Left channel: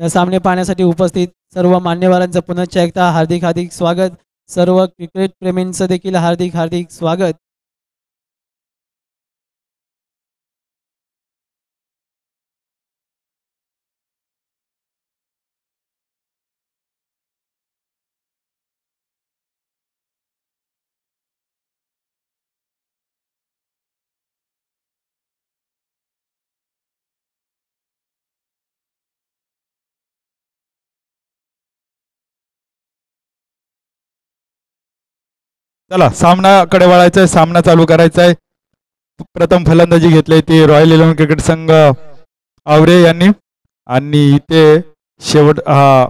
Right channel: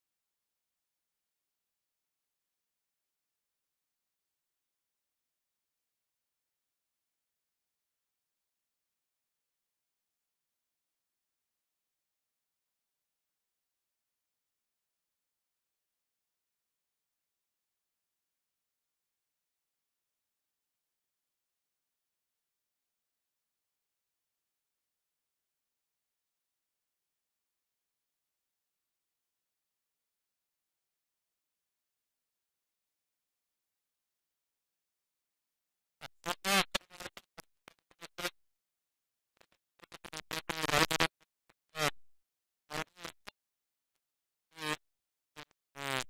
या सामने पाहण्यासाठी उपस्थित सर्व मान्यवरांचं पुनश्च एकदा हार्दिक हार्दिक स्वागत। सर्व क्रिकेट प्रेमींचं देखील हार्दिक हार्दिक स्वागत। चला सामनाकडे वळायचंय, सामना चालू करायचा आहे। प्रथम फलंदाजी घेतली ती रॉयल 11 क्रिकेट संघ आवरे यांनी, आणि इथे शेवट हा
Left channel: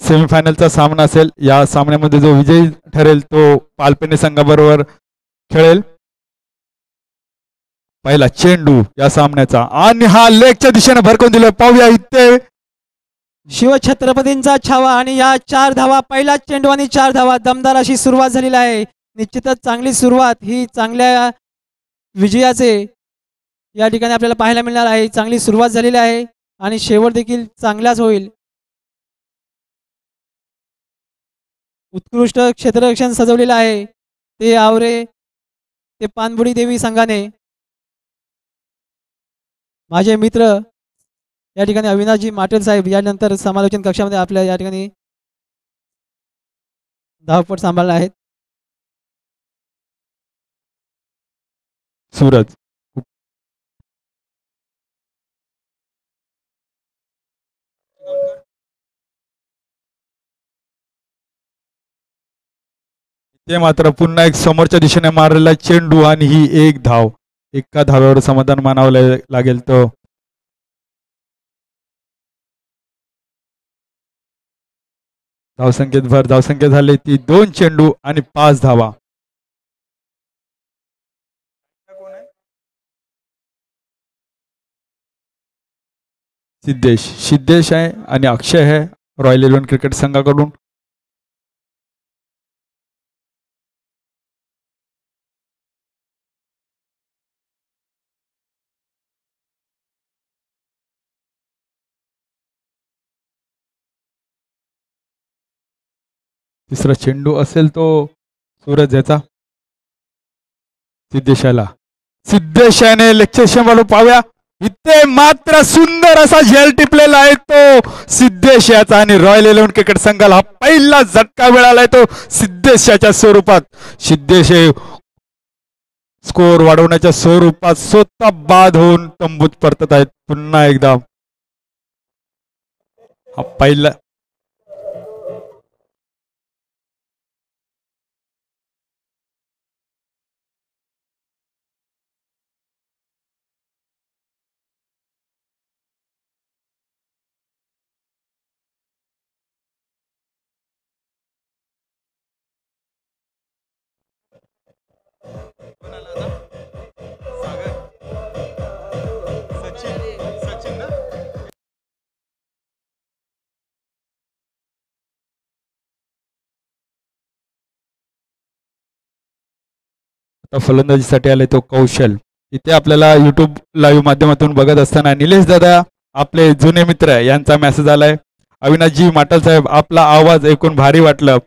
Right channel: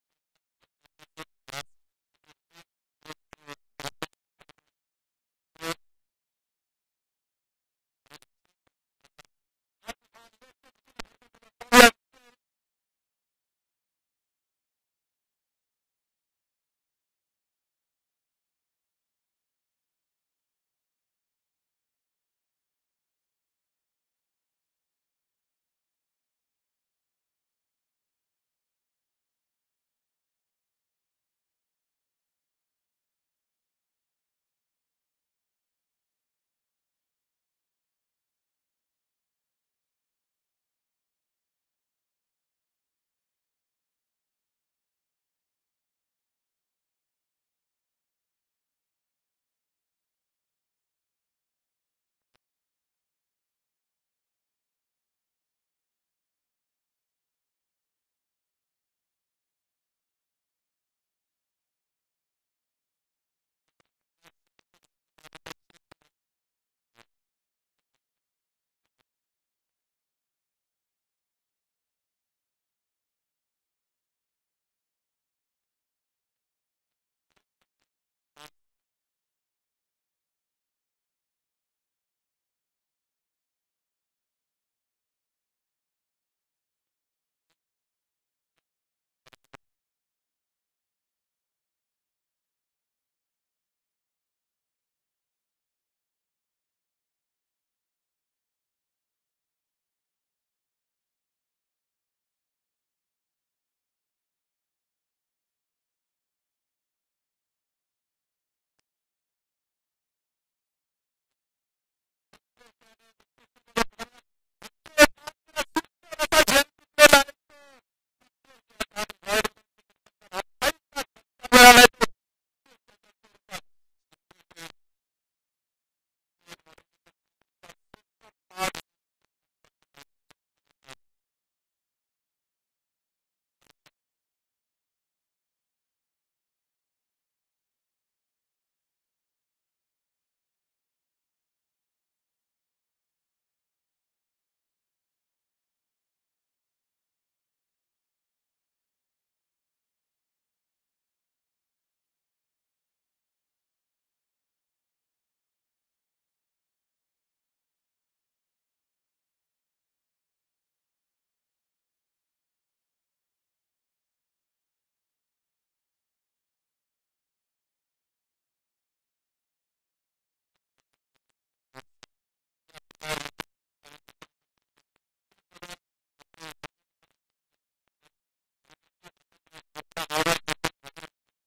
सेमीफायनलचा सामना असेल। या सामन्यामध्ये जो विजयी ठरेल तो पालपेने संघाबरोबर खेळेल। पहिला चेंडू या सामन्याचा आणि हा लेगच्या दिशेने भरकून दिला, पाहूया इथे शिवछत्रपतींचा छावा आणि या 4 धावा, पहिला चेंडू आणि 4 धावा, दमदार अशी सुरुवात झालेली आहे। निश्चितच चांगली सुरुवात ही चांगल्या विजयाचे या ठिकाणी आपल्याला पाहायला मिळणार आहे। चांगली सुरुवात झालेली आहे आणि शेवट देखील चांगलाच होईल। उत्कृष्ट क्षेत्ररक्षण सजवलेलं आहे ते आवरे ते पानबुडी देवी संघाने। माझे मित्र या ठिकाणी अविनाशजी माटेल साहेब यानंतर समालोचन कक्षामध्ये आपल्या या ठिकाणी धावपट सांभाळले आहेत। सूरज ते मात्र पुन्हा एक समोरच्या दिशेने मारलेला चेंडू आणि ही एक धाव, एका धाव्यावर समाधान मानावं लागेल। तो धावसंख्येत झाले ती 2 चेंडू आणि 5 धावा। सिद्धेश आहे आणि अक्षय आहे रॉयल 11 क्रिकेट संघाकडून। तिसरा चेंडू असेल तो सूरज याचा, सिद्धेशाने लेक्चर पाहूया इथे मात्र सुंदर असा झेल टिपलेला आहे तो सिद्धेश याचा, आणि रॉयल 11 क्रिकेट संघाला पहिला झटका मिळालाय तो सिद्धेशाच्या स्वरूपात। सिद्धेश स्कोर वाढवण्याच्या स्वरूपात स्वतः बाद होऊन तंबूत परतत आहेत। पुन्हा एकदा हा पहिला फलंदाजीसाठी आले तो कौशल। इथे आपल्याला युट्यूब लाईव्ह माध्यमातून बघत असताना निलेश दादा आपले जुने मित्र यांचा मेसेज आलाय। अविनाशजी माटल साहेब, आपला आवाज ऐकून भारी वाटलं,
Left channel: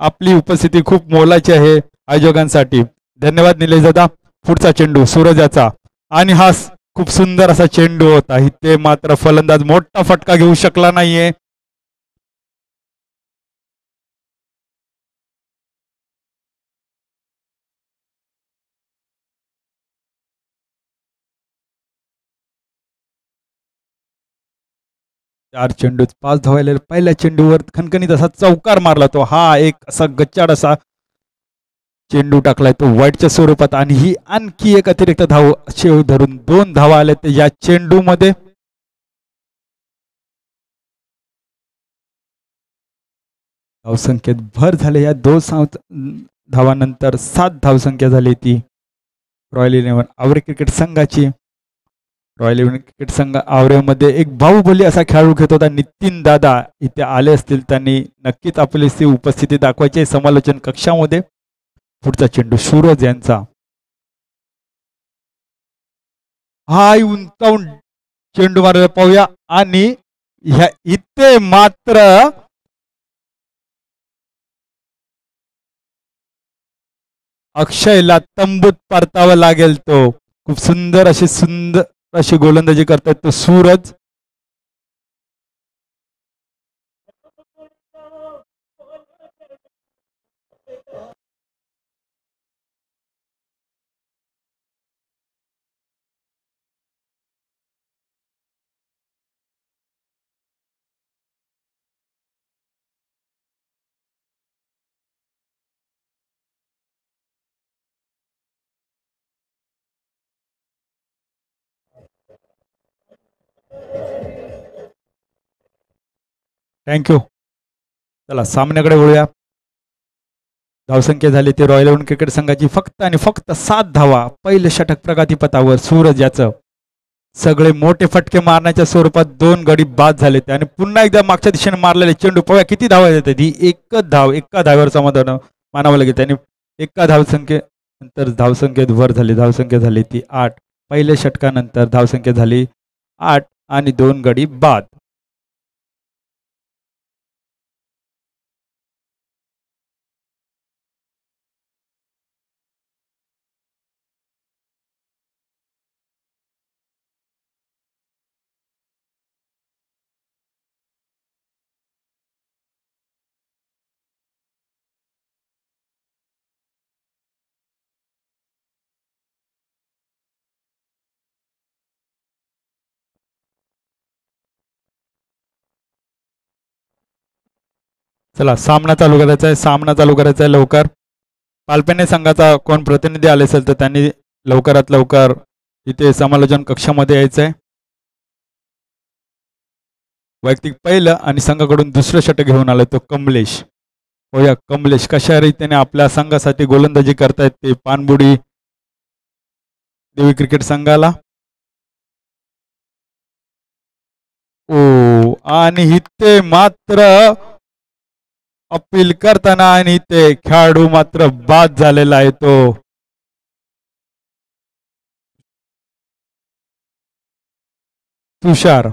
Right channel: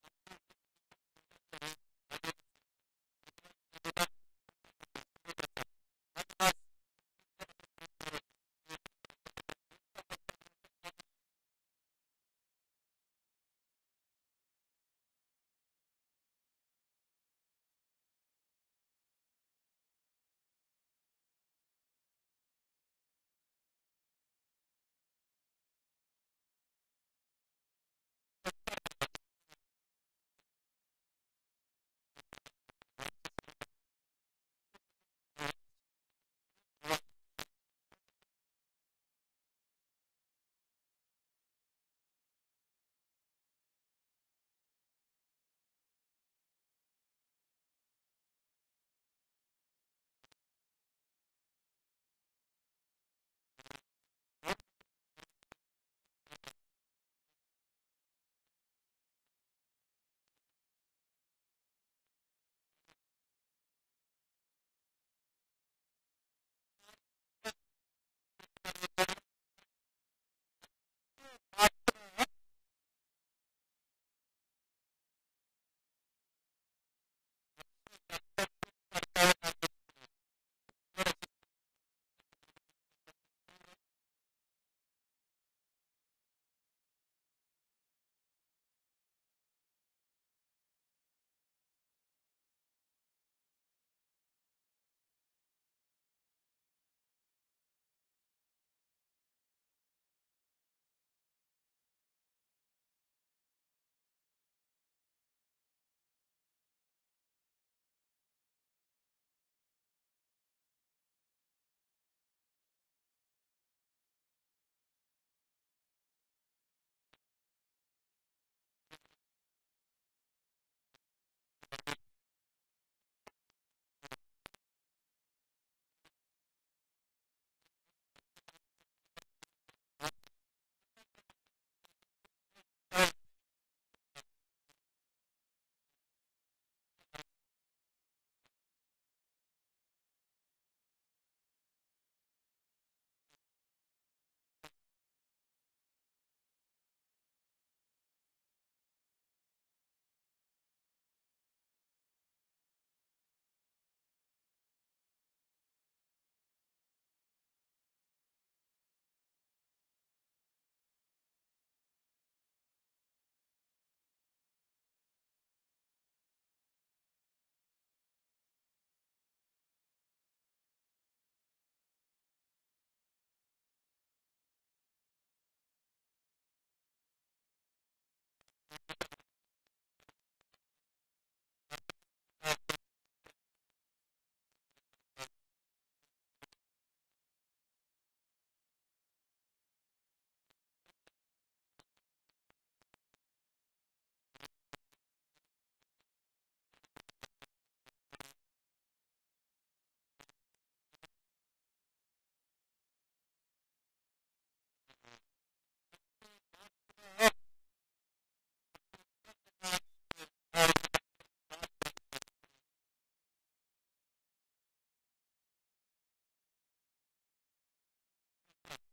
आपली उपस्थिती खूप मोलाची आहे आयोजकांसाठी, धन्यवाद निलेश दादा। पुढचा चेंडू सूरज याचा आणि हा खूप सुंदर असा चेंडू होता, इथे मात्र फलंदाज मोठा फटका घेऊ शकला नाहीये। चार चेंडूत 5 धावायला पहिल्या चेंडूवर खणखणीत असा चौकार मारला तो, हा एक असा गच्चाड असा चेंडू टाकलाय तो वाईटच्या स्वरूपात, आणि ही आणखी एक अतिरिक्त धाव शेव धरून 2 धावा आल्या ते या चेंडू मध्ये। धावसंख्येत भर झाले या 2 धावानंतर 7 धावसंख्या झाली ती रॉयल 11 आवरे क्रिकेट संघाची। रॉयल 11 क्रिकेट संघ आवरेमध्ये एक बाहुबली असा खेळाडू घेत होता नितीन दादा, इथे आले असतील त्यांनी नक्कीच आपली उपस्थिती दाखवायची समालोचन कक्षामध्ये। पुढचा चेंडू सूरज यांचा, हा उंचावून चेंडू मारायला पाहूया आणि ह्या इथे मात्र अक्षयला तंबूत परतावं लागेल. तो खूप सुंदर अशी गोलंदाजी करतात तो सूरज. थँक्यू. चला सामन्याकडे वळूया. धावसंख्या झाली ती रॉयल इलेव्हन क्रिकेट संघाची फक्त आणि फक्त 7 धावा. पहिले षटक प्रगतीपथावर सूरज याचं. सगळे मोठे फटके मारण्याच्या स्वरूपात 2 गडी बाद झाले आणि पुन्हा एकदा मागच्या दिशेने मारलेले चेंडू पव्या किती धावा येतात. ही एकच धाव एका धाव्यावर समाधान मानावं लागेल. त्यांनी एका धावसंख्येनंतर धावसंख्येत वर झाली. धावसंख्या झाली ती 8. पहिल्या षटकानंतर धावसंख्या झाली 8 आणि 2 गडी बाद. चला सामना चालू करायचा आहे. सामना चालू करायचा आहे लवकर. पालपेने संघाचा कोण प्रतिनिधी आले असेल तर त्यांनी लवकरात लवकर इथे समालोचन कक्षामध्ये यायचं आहे. वैयक्तिक पहिलं आणि संघाकडून दुसरं षटक घेऊन आलं तो कमलेश. हो या कमलेश कशा रीतीने आपल्या संघासाठी गोलंदाजी करतायत ते पानबुडी देवी क्रिकेट संघाला. ओ आणि इथे मात्र अपील करताना आणि ते खेळाडू मात्र बाद झालेला आहे तो तुषार.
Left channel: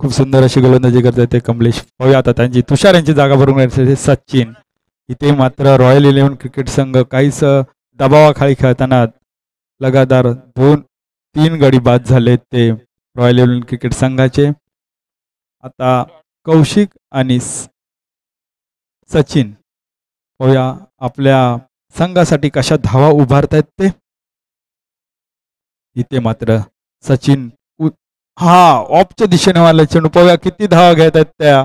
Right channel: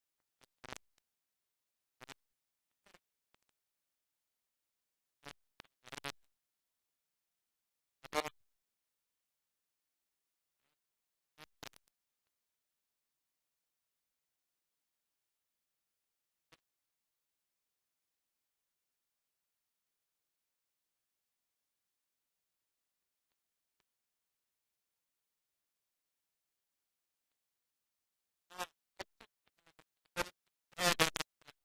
खूप सुंदर अशी गोलंदाजी करतात ते कमलेश. पाहूया आता त्यांची तुषार यांची जागा भरून सचिन. इथे मात्र रॉयल इलेव्हन क्रिकेट संघ काहीच दबावाखाली खेळताना लगातार 2-3 गडी बाद झाले ते रॉयल इलेव्हन क्रिकेट संघाचे. आता कौशिक आणि सचिन पाहूया आपल्या संघासाठी कशा धावा उभारतायत ते. इथे मात्र सचिन हा ऑफच्या दिशेने वाला चेंडू पाहूया किती धावा घेत आहेत त्या.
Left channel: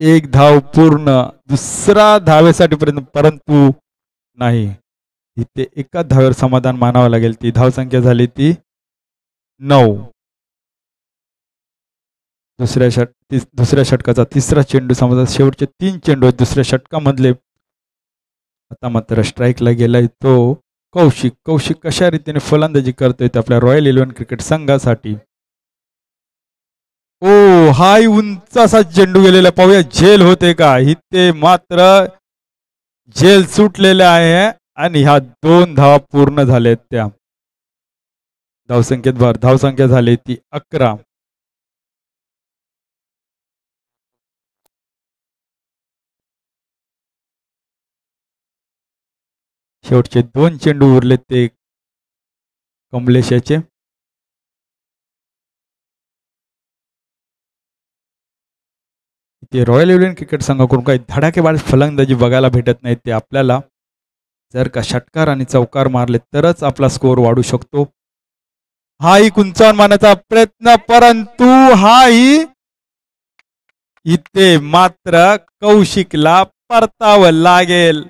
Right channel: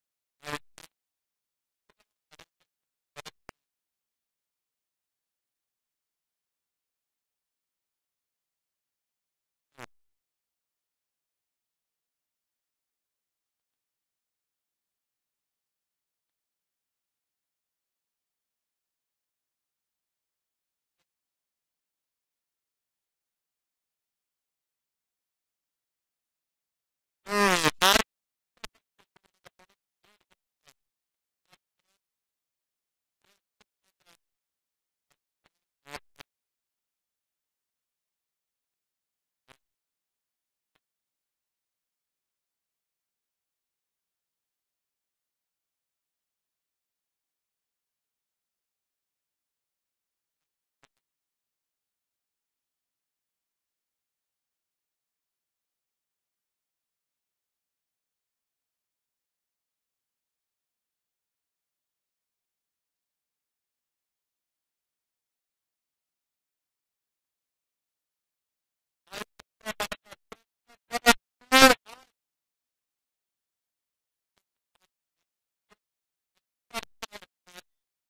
1 धाव पूर्ण. दुसरा धावेसाठी परंतु नाही. इथे एका धावेवर समाधान मानावं लागेल. ती धावसंख्या झाली ती 9. दुसऱ्या षटकाचा तिसरा चेंडू समजा शेवटचे 3 चेंडू आहेत दुसऱ्या षटकामधले. आता मात्र स्ट्राईकला गेलाय तो कौशिक. कौशिक कशा रीतीने फलंदाजी करतोय आपल्या रॉयल इलेव्हन क्रिकेट संघासाठी. ओ हाय उंच असा चेंडू गेलेला. पाहूया झेल होते का. इथे मात्र झेल सुटलेले आहे आणि ह्या 2 धावा पूर्ण झालेत त्या. धावसंख्येत भर. धावसंख्या झाली ती 11. शेवटचे 2 चेंडू उरलेत ते कमलेश याचे. ते रॉयल इलेव्हन क्रिकेट संघाकडून काही धडाकेबाज फलंदाजी बघायला भेटत नाही ते आपल्याला. जर का षटकार आणि चौकार मारले तरच आपला स्कोअर वाढू शकतो. हाही कुंचावून मारण्याचा प्रयत्न परंतु हाही इथे मात्र कौशिकला परतावं लागेल.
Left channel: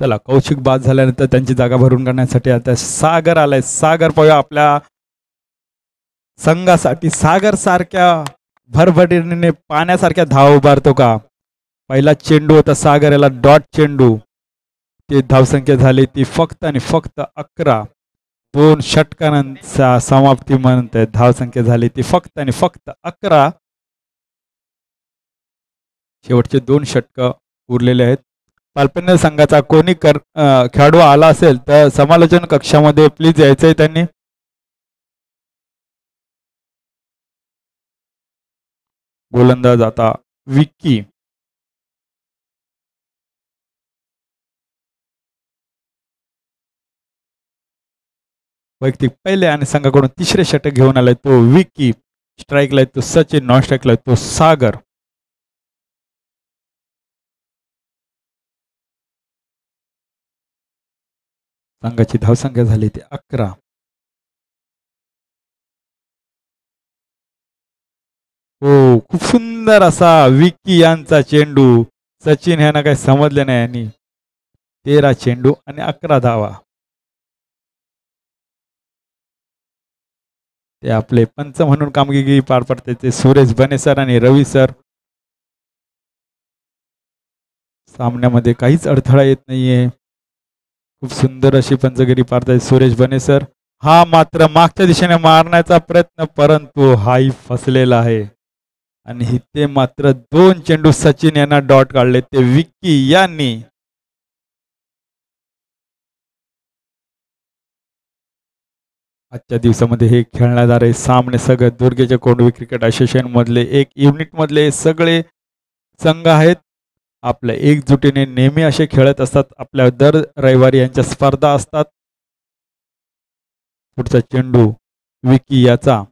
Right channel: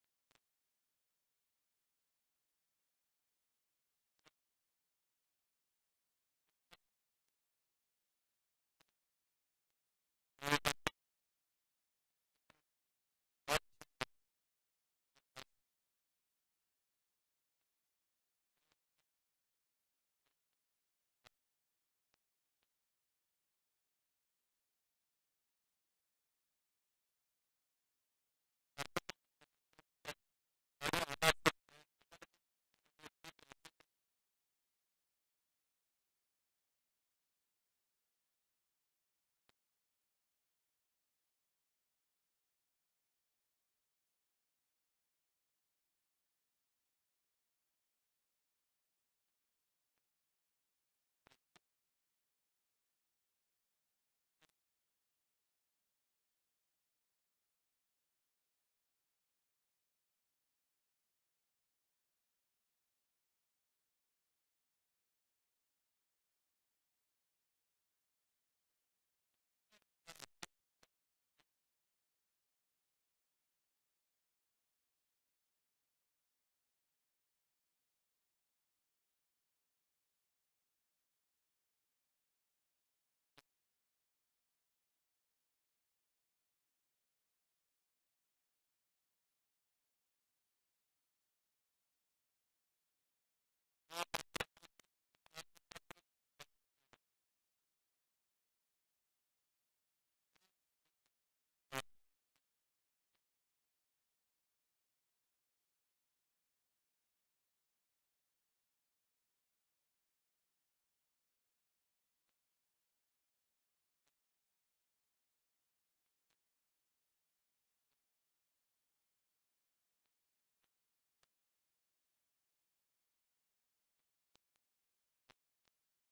चला कौशिक बाद झाल्यानंतर त्यांची जागा भरून काढण्यासाठी आता सागर आलाय. सागर पाहूया आपल्या संघासाठी सागर सारख्या भरभरणीने पाण्यासारख्या धाव उभारतो का. पहिला चेंडू होता सागर याला डॉट चेंडू. ते धावसंख्या झाली ती फक्त आणि फक्त 11. 2 षटकांच्या समाप्ती म्हणते धावसंख्या झाली ती फक्त आणि फक्त 11. शेवटचे 2 षटक उरलेले आहेत. पालपन्न संघाचा कोणी खेळाडू आला असेल तर समालोचन कक्षामध्ये प्लीज यायचंय त्यांनी. गोलंदाज आता विक्की. वैयक्तिक पहिले आणि संघाकडून तिसरे षटक घेऊन आलाय तो विक्की. स्ट्राईकला तो सचिन, नॉन स्ट्राईकला तो सागर. संघाची धावसंख्या झाली ती 11. हो खूप सुंदर असा विक्की यांचा चेंडू. सचिन ह्यांना काही समजले नाही आणि 13 चेंडू आणि 11 धावा. ते आपले पंच म्हणून कामगिरी पार पडते ते सुरेश बने सर आणि रवी सर. सामन्यामध्ये काहीच अडथळा येत नाहीये. खूप सुंदर अशी पंचगिरी पाडतायत सुरेश बने सर. हा मात्र मागच्या दिशेने मारण्याचा प्रयत्न परंतु हाही फसलेला आहे आणि इथे मात्र 2 चेंडू सचिन यांना डॉट काढले ते विक्की यांनी. आजच्या दिवसामध्ये हे खेळण्यात जाणारे सामने सगळे दुर्गेच्या कोंडवी क्रिकेट असोसिएशन मधले एक युनिट मधले सगळे संघ आहेत. आपल्या एकजुटीने नेहमी असे खेळत असतात. आपल्या दर रविवारी यांच्या स्पर्धा असतात. पुढचा चेंडू विकी याचा.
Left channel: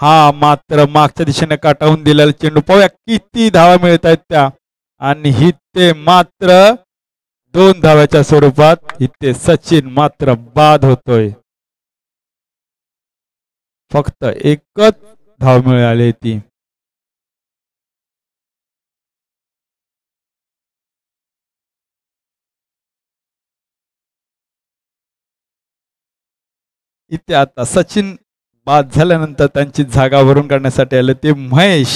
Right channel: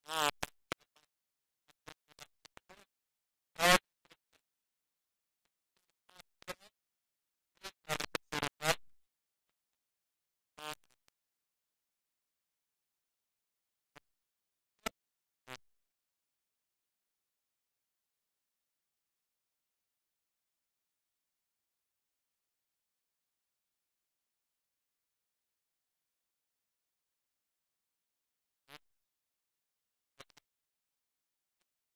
हा मात्र मागच्या दिशेने काटावून दिलेला चेंडू. पाहूया किती धावा मिळत आहेत त्या आणि इथे मात्र 2 धाव्याच्या स्वरूपात इथे सचिन मात्र बाद होतोय. फक्त एकच धाव मिळाली ती. इथे आता सचिन बाद झाल्यानंतर त्यांची जागा भरून काढण्यासाठी आले ते महेश.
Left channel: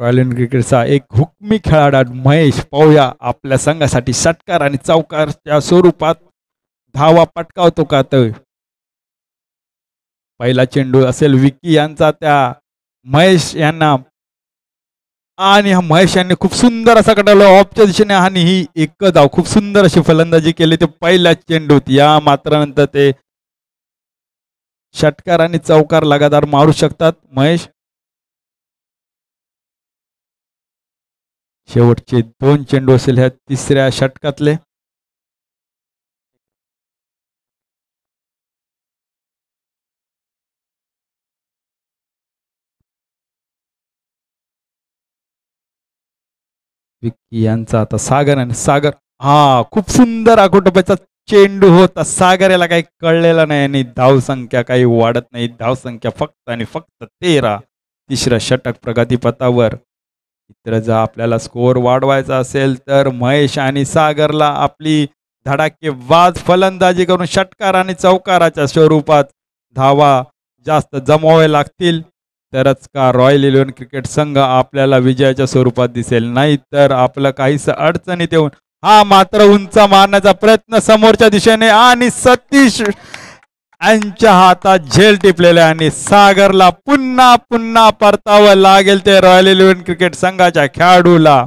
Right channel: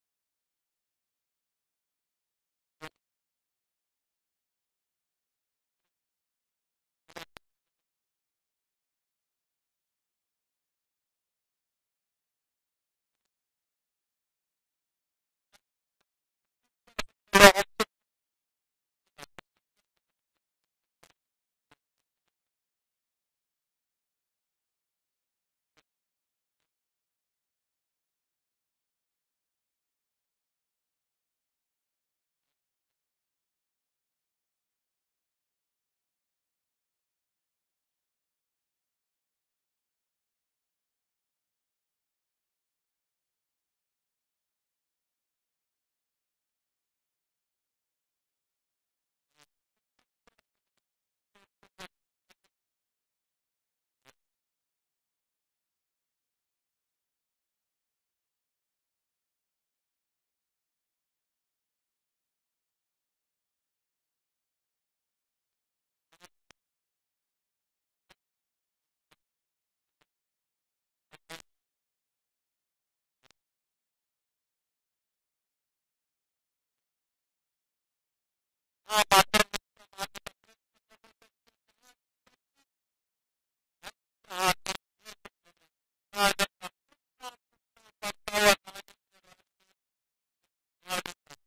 रॉयल इंडियन क्रिकेटचा एक हुकमी खेळाडू महेश पाहूया आपल्या संघासाठी षटकार आणि चौकारच्या स्वरूपात धावा पटकावतो का. तर पहिला चेंडू असेल विकी यांचा त्या महेश यांना आणि हा महेश यांनी खूप सुंदर असा कटाला ऑफच्या दिशेने आणि ही एक धाव खूप सुंदर अशी फलंदाजी केली ते पहिल्या चेंडूत. या मात्र नंतर ते षटकार आणि चौकार लगातार मारू शकतात महेश. शेवटचे 2 चेंडू असेल ह्या तिसऱ्या षटकातले. विक्की यांचा आता सागर आणि सागर हा खूप सुंदर आखोटोप्याचा चेंडू होता. सागर याला काही कळलेला नाही आणि धावसंख्या काही वाढत नाही. धावसंख्या फक्त आणि फक्त 13. तिसरं षटक प्रगतीपथावर. इतर जर आपल्याला स्कोअर वाढवायचा असेल तर महेश आणि सागरला आपली धडाकेबाज फलंदाजी करून षटकार आणि चौकाराच्या स्वरूपात धावा जास्त जमवावे लागतील तरच का रॉयल इलेव्हन क्रिकेट संघ आपल्याला विजयाच्या स्वरूपात दिसेल. नाही तर आपलं काहीच अडचणीत येऊन हा मात्र उंच मारण्याचा प्रयत्न समोरच्या दिशेने आणि सतीश यांच्या हातात झेल टिपलेले आणि सागरला पुन्हा पुन्हा परतावं लागेल ते रॉयल इलेव्हन क्रिकेट संघाच्या खेळाडूला.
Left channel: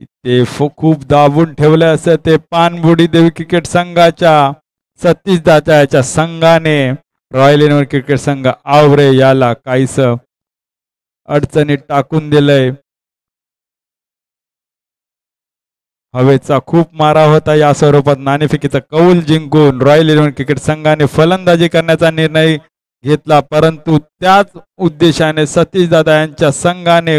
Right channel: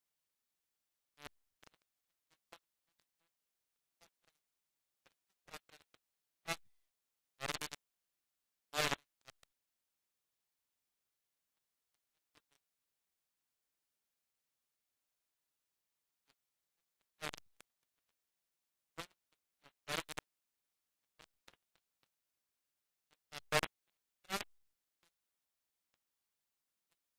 ते खूप दाबून ठेवले असं ते पानबुडी देवी क्रिकेट संघाच्या सतीश दादाच्या संघाने रॉयल इलेव्हन क्रिकेट संघ आवरे याला काहीस अडचणीत टाकून दिलंय. हवेचा खूप मारा होता. या स्वरूपात नाणेफेकीचा कौल जिंकून रॉयल इलेव्हन क्रिकेट संघाने फलंदाजी करण्याचा निर्णय घेतला परंतु त्याच उद्देशाने सतीश दादा यांच्या संघाने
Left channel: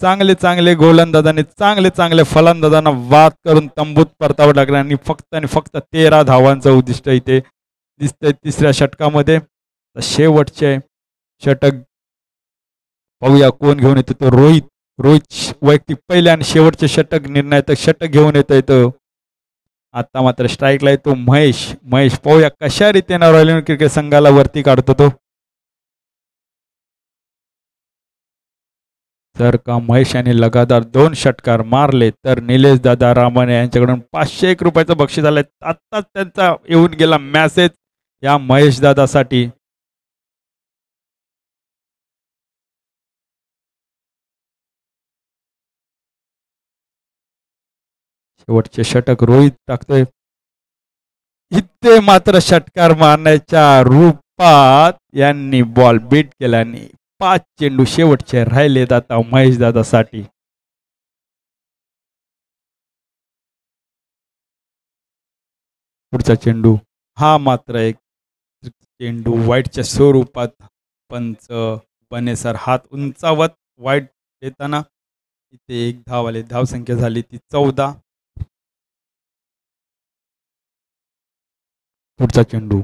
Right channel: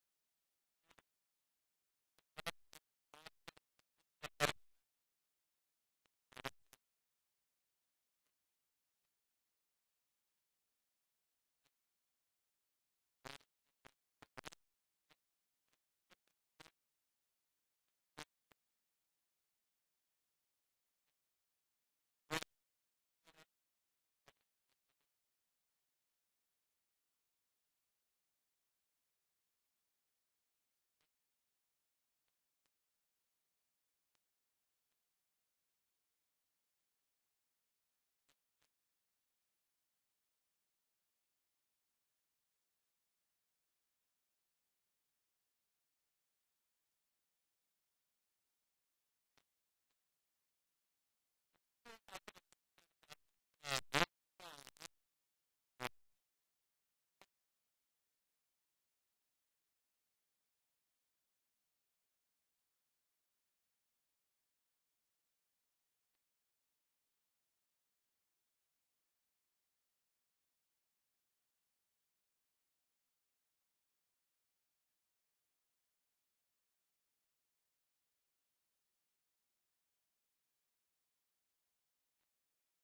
चांगले चांगले गोलंदाजांनी चांगले चांगले फलंदाजांना वाद करून तंबूत परतावं लागलं आणि फक्त 13 धावांचं उद्दिष्ट इथे दिसतंय तिसऱ्या षटकामध्ये. शेवटचे षटक पाहूया कोण घेऊन येतो. तो रोहित रोहित वैयक्तिक पहिले आणि शेवटचे षटक निर्णायक षटक घेऊन येतोय तो. आता मात्र स्ट्राईकला येतो महेश. महेश पाहूया कशा रीतीने रॉयल क्रिकेट संघाला वरती काढतो तो. जर का महेश यांनी लगातार 2 षटकार मारले तर निलेश दादा रामाने यांच्याकडून 501 रुपयाचं बक्षीस आलंय. आत्ताच त्यांचा येऊन गेला मेसेज या महेश दादासाठी. शेवटचे षटक रोहित टाकतोय. इथे मात्र षटकार मारण्याच्या रूपात यांनी बॉल बीट केल्याने 5 चेंडू शेवटचे राहिलेत आता महेश दादासाठी. पुढचा चेंडू हा मात्र एक चेंडू वाईटच्या स्वरूपात. पंच बनेसर हात उंचावत वाईट येताना इथे 1 धाव आले. धावसंख्या झाली ती 14. पुढचा चेंडू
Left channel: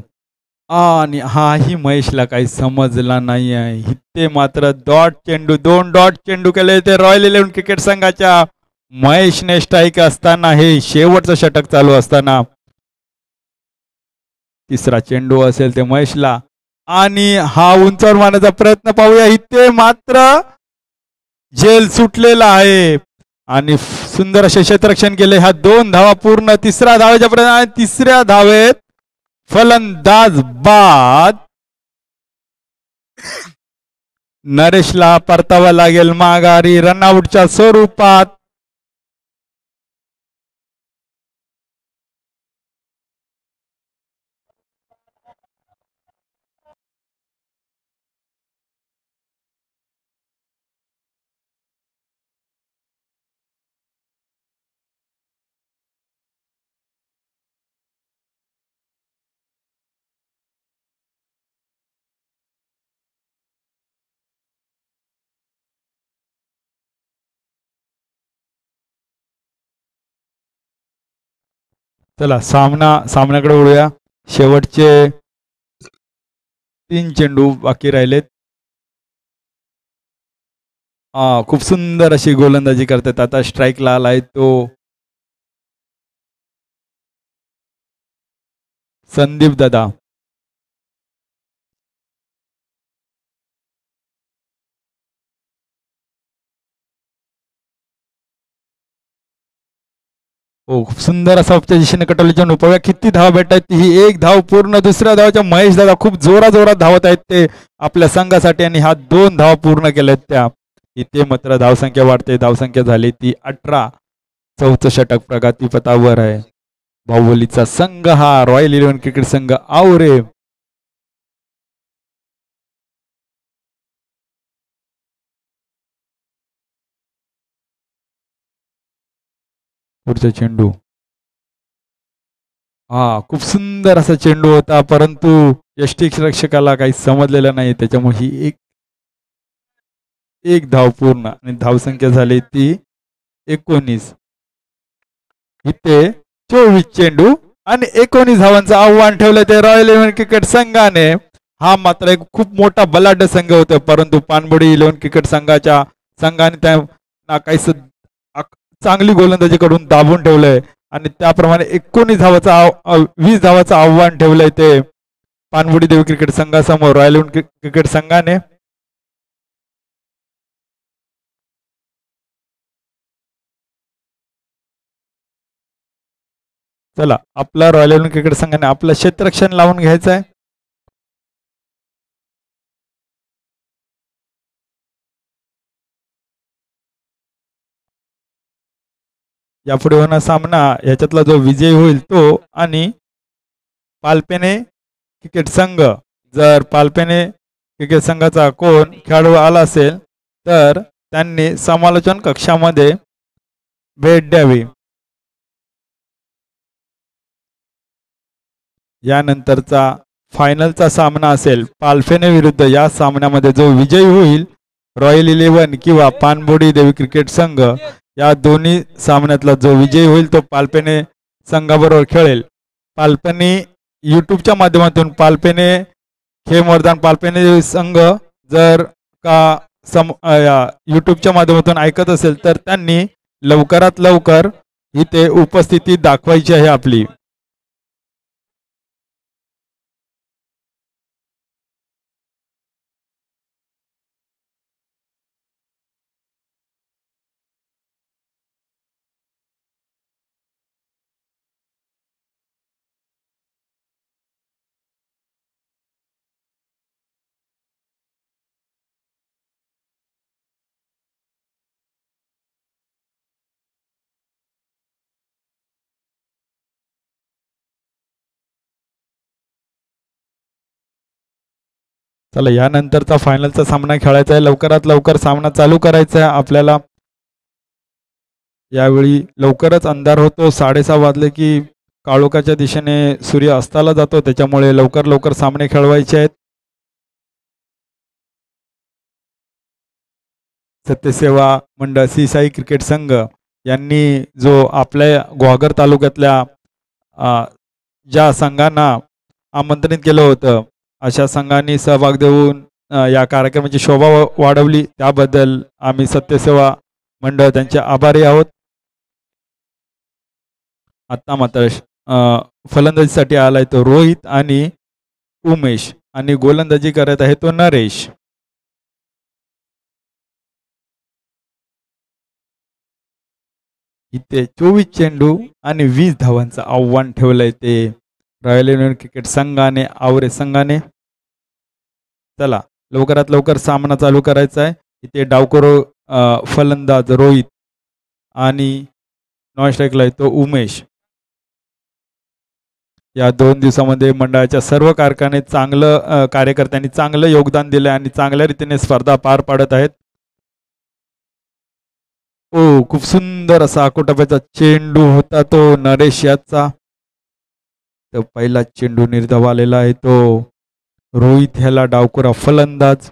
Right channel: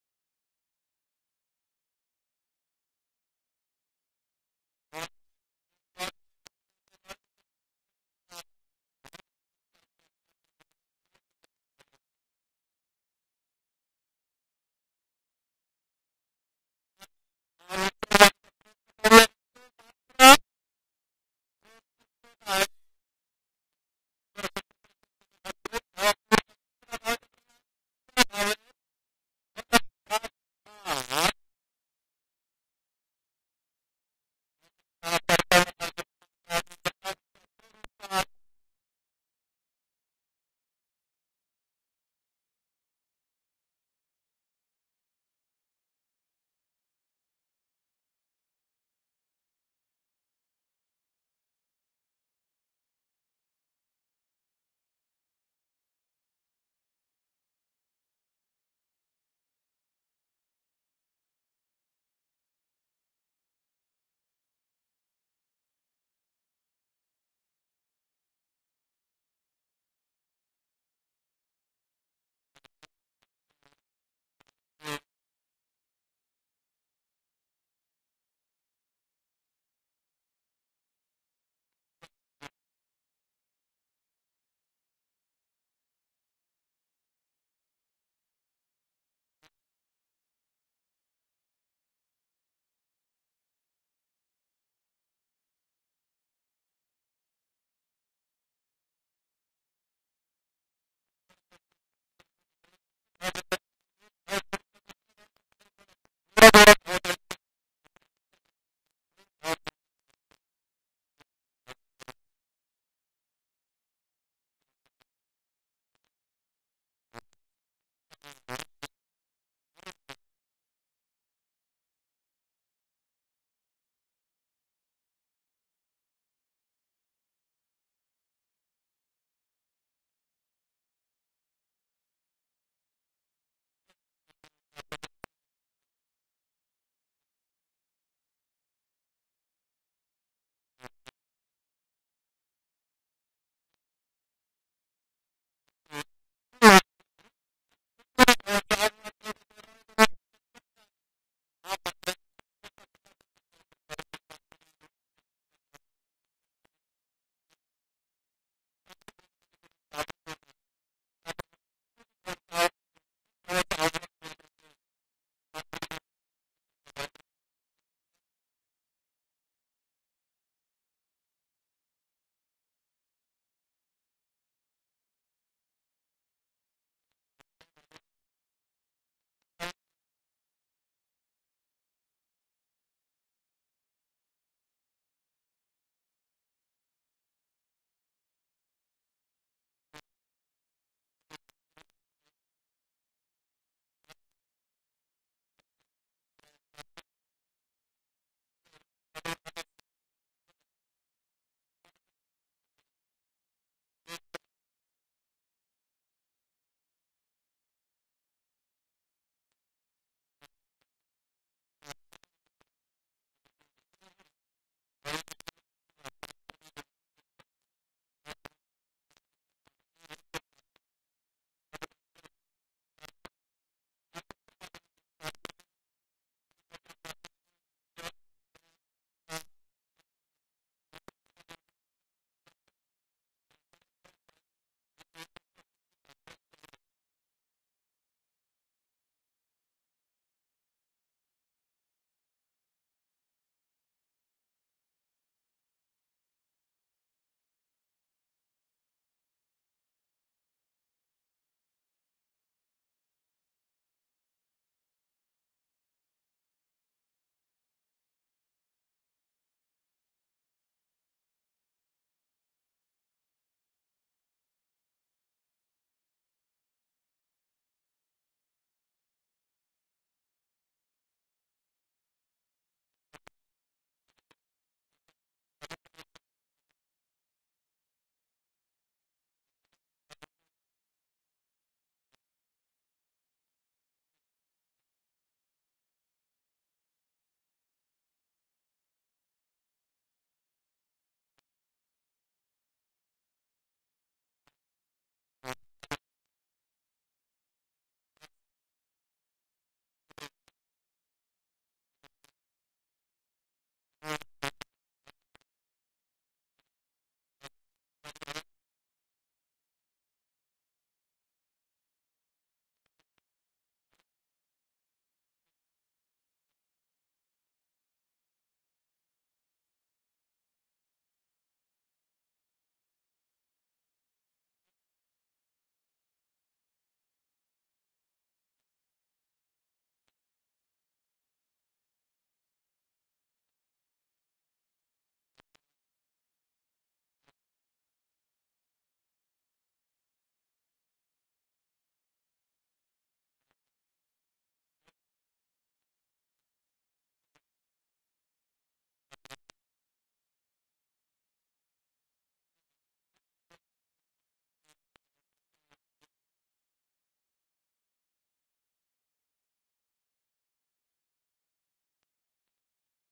आणि हाही महेशला काही समजला नाही आहे. इथे मात्र डॉट चेंडू 2 डॉट चेंडू केले ते रॉयल 11 क्रिकेट संघाच्या. महेशने स्ट्राईक असताना हे शेवटचं षटक चालू असताना तिसरा चेंडू असेल ते महेशला आणि हा उंचावर मारण्याचा प्रयत्न पाहूया. इथे मात्र झेल सुटलेला आहे आणि सुंदर असे क्षेत्ररक्षण केले. हा 2 धावा पूर्ण. तिसऱ्या धावेच्या प्रयत्न तिसऱ्या धावेत फलंदाज बाद. नरेशला परतावा लागेल माघारी रनआउटच्या स्वरूपात. चला सामन्याकडे वळूया. शेवटचे 3 चेंडू बाकी राहिलेत. खूप सुंदर अशी गोलंदाजी करतात. आता स्ट्राईकला आलाय तो संदीप दादा. हो खूप सुंदर असा उपच्या दिशेने कटवले चेंडू. पाहूया किती धावा भेटतात. ही 1 धाव पूर्ण. दुसऱ्या धावाच्या महेश दादा खूप जोरात धावत आहेत ते आपल्या संघासाठी आणि हा 2 धावा पूर्ण केल्यात त्या. इथे मात्र धावसंख्या वाढते. धावसंख्या झाली ती 18. 4थं षटक प्रगतीपथावर आहे. बाहुबलीचा संघ हा रॉयल 11 क्रिकेट संघ आवरे. पुढचा चेंडू खूप सुंदर असा चेंडू होता परंतु यष्टिरक्षकाला काही समजलेलं नाही. त्याच्यामुळे ही एक धाव पूर्ण आणि धावसंख्या झाली ती 19. इथे 24 चेंडू आणि 19 धावांचं आव्हान ठेवलं ते रॉयल 11 क्रिकेट संघाने. हा मात्र एक खूप मोठा बलाढ्य संघ होता परंतु पाणबुडी 11 क्रिकेट संघाने त्यांना काही चांगली गोलंदाजी करून दाबून ठेवलंय आणि त्याप्रमाणे 20 धावाचं आव्हान ठेवलंय ते पाणबुडी देवी क्रिकेट संघासमोर रॉयल 11 क्रिकेट संघाने. चला आपला रॉयल 11 क्रिकेट संघाने आपलं क्षेत्ररक्षण लावून घ्यायचं आहे. यापुढे होणार सामना याच्यातला जो विजयी होईल तो आणि पालपेने क्रिकेट संघ. जर पालपेने क्रिकेट संघाचा कोण खेळाडू आला असेल तर त्यांनी समालोचन कक्षामध्ये भेट द्यावी. यानंतरचा फायनलचा सामना असेल पालफेने विरुद्ध. या सामन्यामध्ये जो विजयी होईल रॉयल 11 किंवा पानबोडी देवी क्रिकेट संघ या दोन्ही सामन्यातला जो विजयी होईल तो पालपेने संघाबरोबर खेळेल. पालपेने यूट्यूबच्या माध्यमातून पालपेने खेळ मैदान पालपेने संघ जर का यूट्यूबच्या माध्यमातून ऐकत असेल तर त्यांनी लवकरात लवकर इथे उपस्थिती दाखवायची आहे आपली. चला यानंतरचा फायनलचा सामना खेळायचा आहे. लवकरात लवकर सामना चालू करायचा आहे आपल्याला. यावेळी लवकरच अंधार होतो. 6:30 वाजले की काळोखाच्या दिशेने सूर्य अस्ताला जातो. त्याच्यामुळे लवकर लवकर सामने खेळवायचे आहेत. सत्यसेवा मंडळ श्री साई क्रिकेट संघ यांनी जो आपल्या गुहागर तालुक्यातल्या ज्या संघांना आमंत्रित केलं होतं अशा संघांनी सहभाग देऊन या कार्यक्रमाची शोभा वाढवली, त्याबद्दल आम्ही सत्यसेवा मंडळ त्यांचे आभारी आहोत. आता मात्र फलंदाजीसाठी आलाय तो रोहित आणि उमेश आणि गोलंदाजी करत आहे तो नरेश. इथे 24 चेंडू आणि 20 धावांचं आव्हान ठेवलंय ते रॉयल युनियन क्रिकेट संघाने आवरे संघाने. चला लवकरात लवकर सामना चालू करायचा आहे. इथे डावकरो फलंदाज रोहित आणि नॉन स्ट्राईकला येतो उमेश. या 2 दिवसामध्ये मंडळाच्या सर्व कार्यकर्त्यांनी चांगलं योगदान दिलं आणि चांगल्या रीतीने स्पर्धा पार पाडत आहेत. खूप सुंदर असा आकोटाप्याचा चेंडू होता तो नरेश याचा. तर पहिला चेंडू निर्धाव आलेला आहे तो रोहित ह्याला डावकुरा फलंदाज.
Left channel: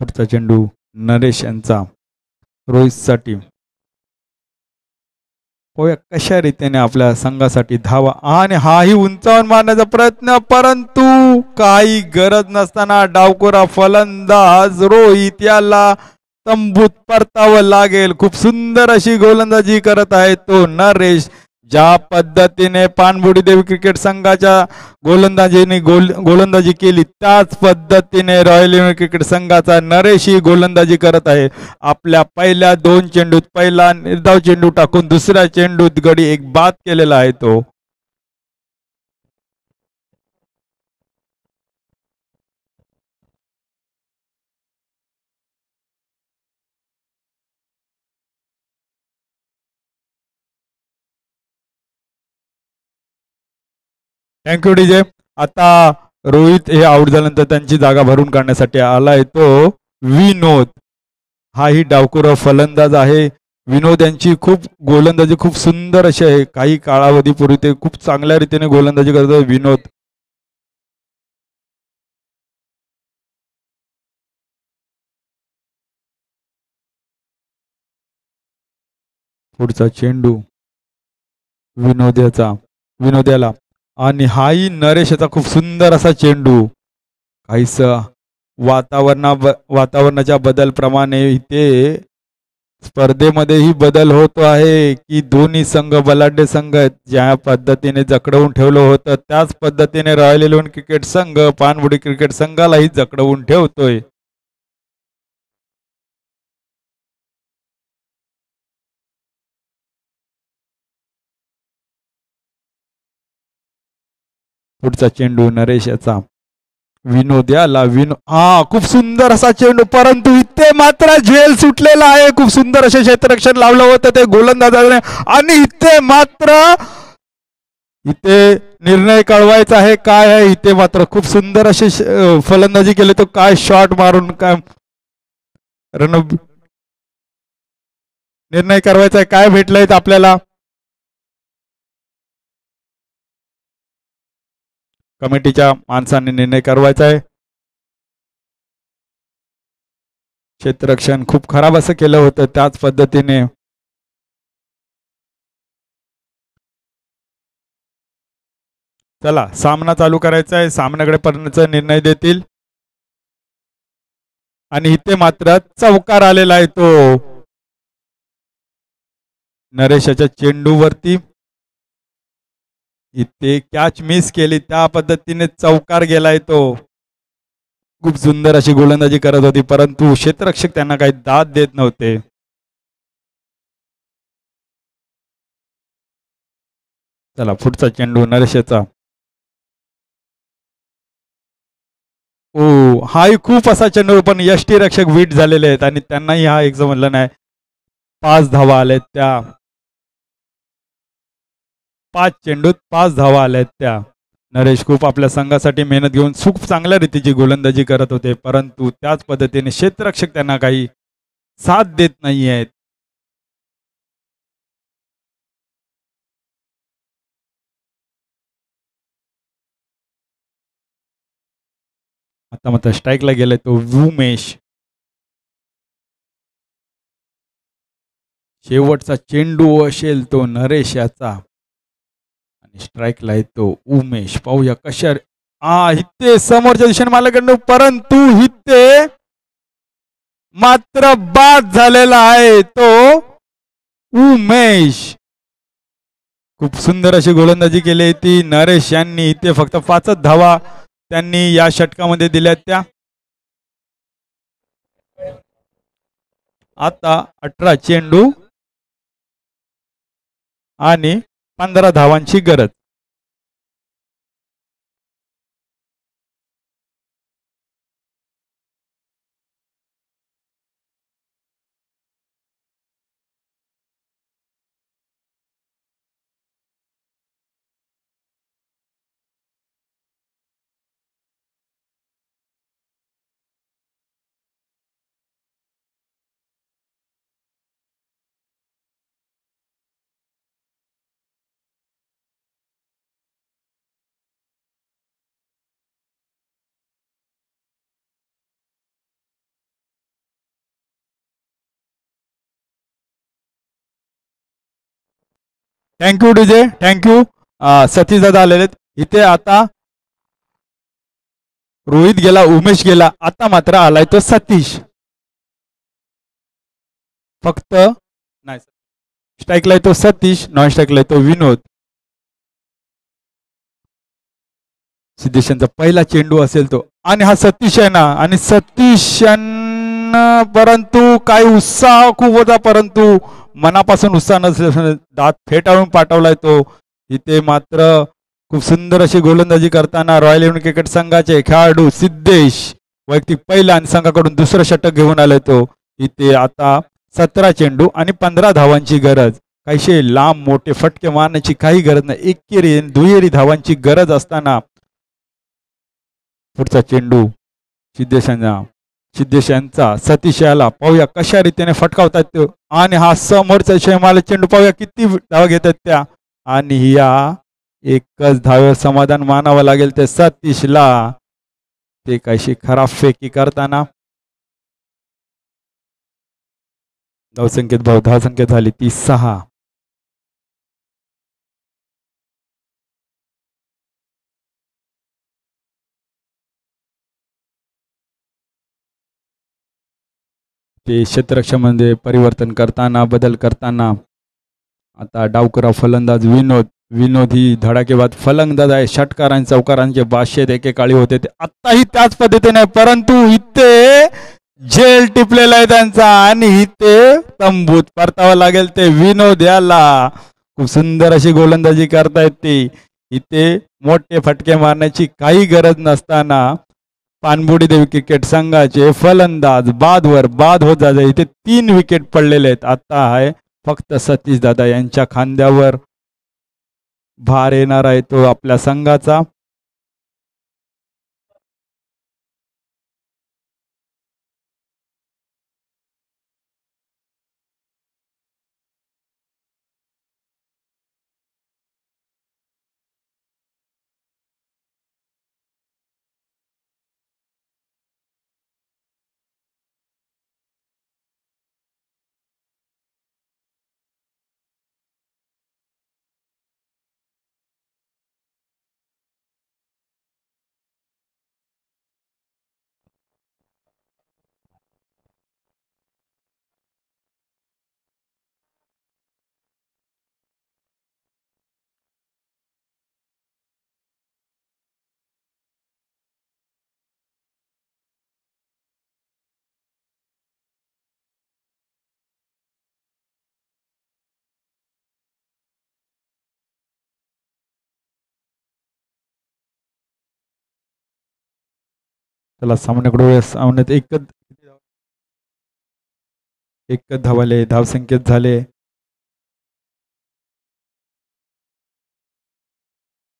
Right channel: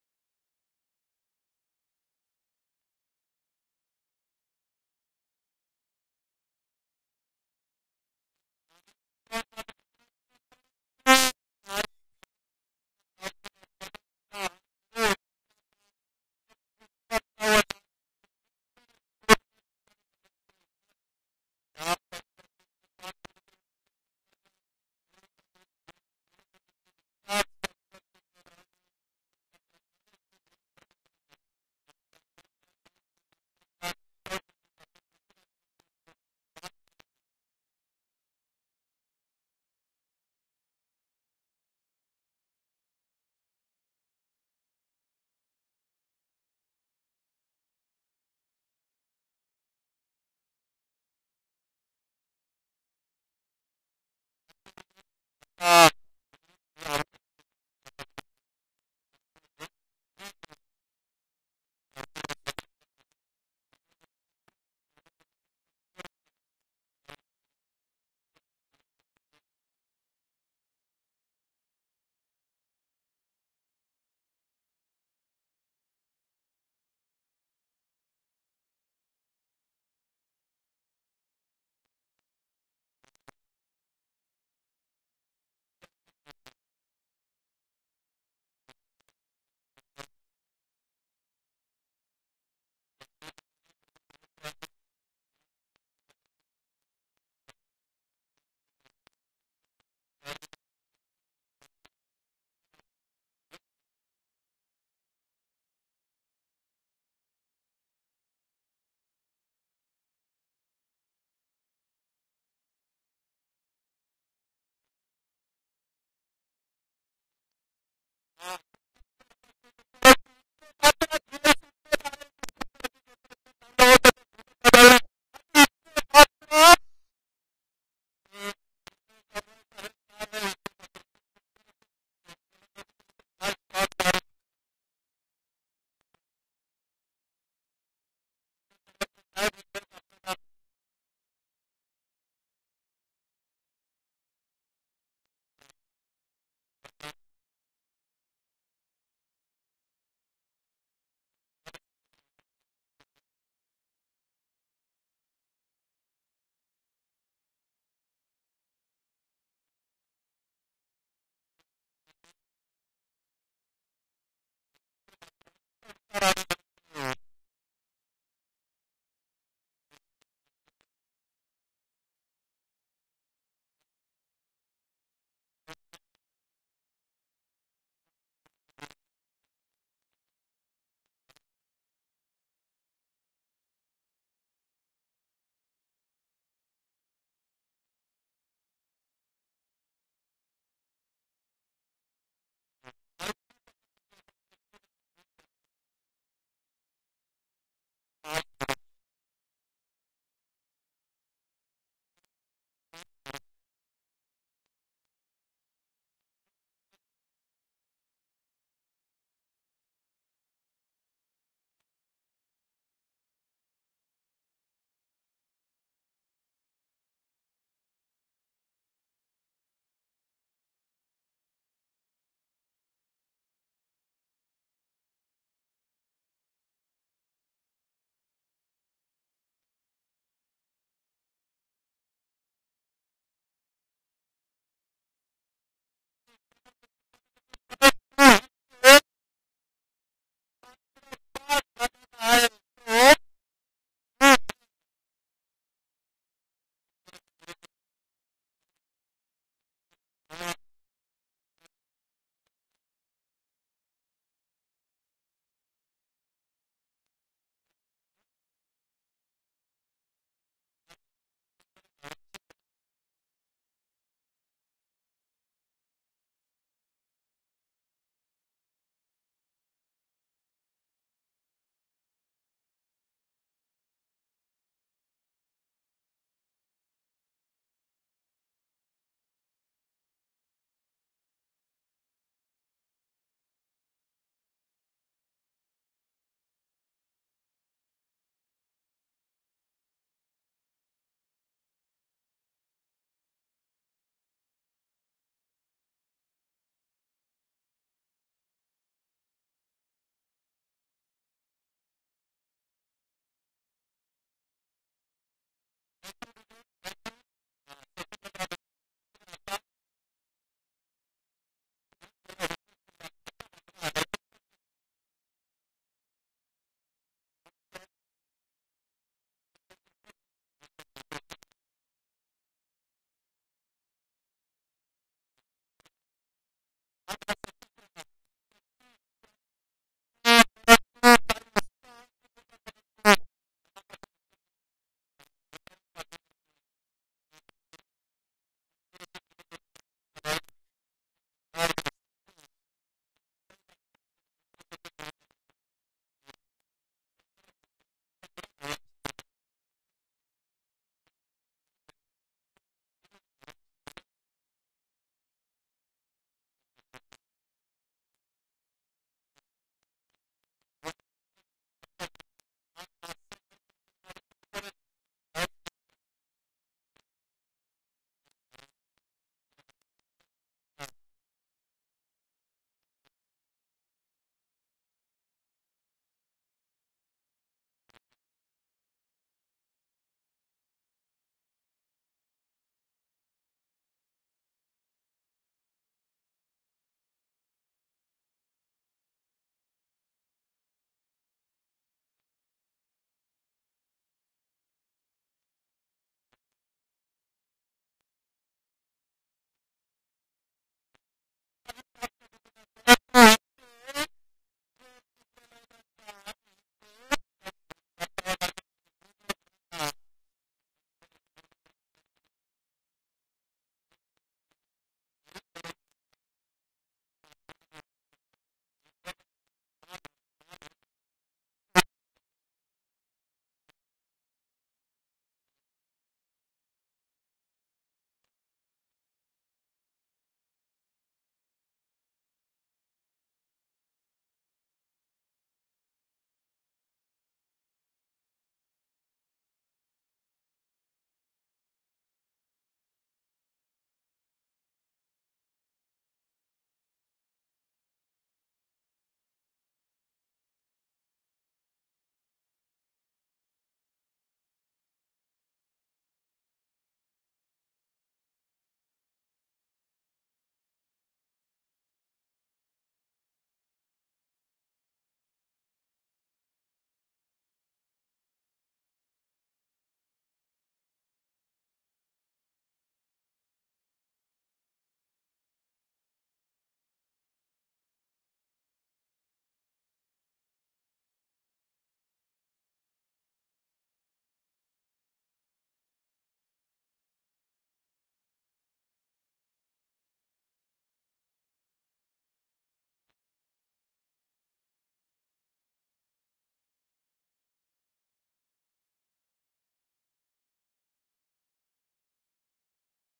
पुढचा चेंडू नरेश यांचा रोहितसाठी. होय कशा रीतीने आपल्या संघासाठी धावा आणि हाही उंचावून मारण्याचा प्रयत्न, परंतु काही गरज नसताना डावकुरा फलंदाज रोहित याला तंबूत परतावं लागेल. खूप सुंदर अशी गोलंदाजी करत आहे तो नरेश. ज्या पद्धतीने पानबुडी देवी क्रिकेट संघाच्या गोलंदाजी केली त्याच पद्धतीने रॉयल युनियन क्रिकेट संघाचा नरेश ही गोलंदाजी करत आहे. आपल्या पहिल्या 2 चेंडूत पहिला निर्धाव चेंडू टाकून दुसऱ्या चेंडूत गडी एक बाद केलेला आहे तो. Thank you DJ. आता रोहित हे आउट झाल्यानंतर त्यांची जागा भरून काढण्यासाठी आलाय तो विनोद. हाही डावकुरा फलंदाज आहे. विनोद यांची गोलंदाजी खूप सुंदर अशी आहे. काही कालावधीपूर्वी ते खूप चांगल्या रीतीने गोलंदाजी करतो विनोद. पुढचा चेंडू विनोद्याला आणि हाही नरेश याचा खूप सुंदर असा चेंडू. काहीस वातावरणाच्या बदलप्रमाणे इथे स्पर्धेमध्येही बदल होतो आहे की दोन्ही संघ बलाढ्य संघ आहेत. ज्या पद्धतीने जकडवून ठेवलं होतं त्याच पद्धतीने रॉयल 11 क्रिकेट संघ पानबुडी क्रिकेट संघालाही जकडवून ठेवतोय. पुढचा चेंडू नरेश याचा विनोद्याला. खूप सुंदर असा चेंडू, परंतु इथे मात्र झेल सुटलेला आहे. खूप सुंदर असे क्षेत्ररक्षण लावलं होतं ते गोलंदाजाने आणि इथे मात्र निर्णय कळवायचा आहे काय आहे. इथे मात्र खूप सुंदर असे फलंदाजी केले तो काय शॉट मारून काय निर्णय करायचा आहे. काय भेटलंय आपल्याला कमिटीच्या माणसांनी निर्णय करवायचा आहे. क्षेत्ररक्षण खूप खराब असं केलं होतं, त्याच पद्धतीने चला सामना चालू करायचा आहे. सामन्याकडे पर्यंतचा निर्णय देतील आणि इथे मात्र चौकार आलेला आहे तो नरेशाच्या चेंडूवरती. इथे कॅच मिस केली, त्या पद्धतीने चौकार गेलाय तो. खूप सुंदर अशी गोलंदाजी करत होती, परंतु क्षेत्ररक्षक त्यांना काही दाद देत नव्हते. चला पुढचा चेंडू नरेशाचा. ओ हाही खूप असा चेंडू, पण यष्टी रक्षक वीट झालेले आहेत आणि त्यांनाही हा एक जमलं नाही. 5 धावा आल्यात त्या. 5 चेंडूत 5 धावा आल्यात त्या. नरेश खूप आपल्या संघासाठी मेहनत घेऊन खूप चांगल्या रीतीची गोलंदाजी करत होते, परंतु त्याच पद्धतीने क्षेत्ररक्षक त्यांना काही साथ देत नाही आहेत. आता मात्र स्ट्राईकला गेलाय तो उमेश. शेवटचा चेंडू असेल तो नरेश याचा आणि स्ट्राईकला येतो उमेश. पाहूया कशा इथे समोरच्या दिशेने मालाकडनं, परंतु इथे मात्र बाद झालेला आहे तो उमेश. खूप सुंदर अशी गोलंदाजी केली ती नरेश यांनी. इथे फक्त 5च धावा त्यांनी या षटकामध्ये दिल्या त्या. आता 18 चेंडू आणि 15 धावांची गरज. Thank you DJ, thank you. सतीश दादा आलेले इथे. आता रोहित गेला, उमेश गेला, आता मात्र आलाय तो सतीश. फक्त नाही, स्ट्राईकला तो सतीश, नॉन स्ट्राईकला तो विनोद. सिद्धेशांचा पहिला चेंडू असेल तो, आणि हा सतीश आहे ना, आणि सतीश परंतु काही उत्साह खूप होता, परंतु मनापासून उत्साह नसल्याने दात फेटाळून पाठवलाय तो. इथे मात्र खूप सुंदर अशी गोलंदाजी करताना रॉयल इलेव्हन क्रिकेट संघाचे खेळाडू सिद्धेश वैयक्तिक पहिला आणि संघाकडून दुसरं षटक घेऊन आले तो. इथे आता 17 चेंडू आणि 15 धावांची गरज. काहीशे लांब मोठे फटके मारण्याची काही गरज नाही, एकेरी दुहेरी धावांची गरज असताना पुढचा चेंडू सिद्धेश यांचा सतीश याला. पाहूया कशा रीतीने फटकावतात तो, आणि हा समोरचा शेमाला चेंडू पाहूया किती धावा घेतात त्या, आणि या एकच धाव्यावर समाधान मानावं लागेल ते सतीशला. ते काहीशी खराब फेकी करताना धावसंख्येत झाली ती 6. ते क्षेत्ररक्षणामध्ये परिवर्तन करताना, बदल करताना आता डावकरा फलंदाज विनोद ही धडाकेबाद फलंदाज आहे. षटकार आणि चौकारांचे बादशेत एकेकाळी होते ते आत्ताही त्याच पद्धतीने, परंतु इथे झेल टिपलेला आहे त्यांचा, आणि इथे तंबूत परतावं लागेल ते विनोद याला. खूप सुंदर अशी गोलंदाजी करतायत ते. इथे मोठे फटके मारण्याची काही गरज नसताना पानबुडी देवी क्रिकेट संघाचे फलंदाज बादवर बाद होत जाते. इथे 3 विकेट पडलेले आहेत. आता आहे फक्त सतीश दादा यांच्या खांद्यावर भार येणार आहे तो आपल्या संघाचा. चला सामन्याकडे सामन्यात एकच धावाले, धावसंख्येत झाले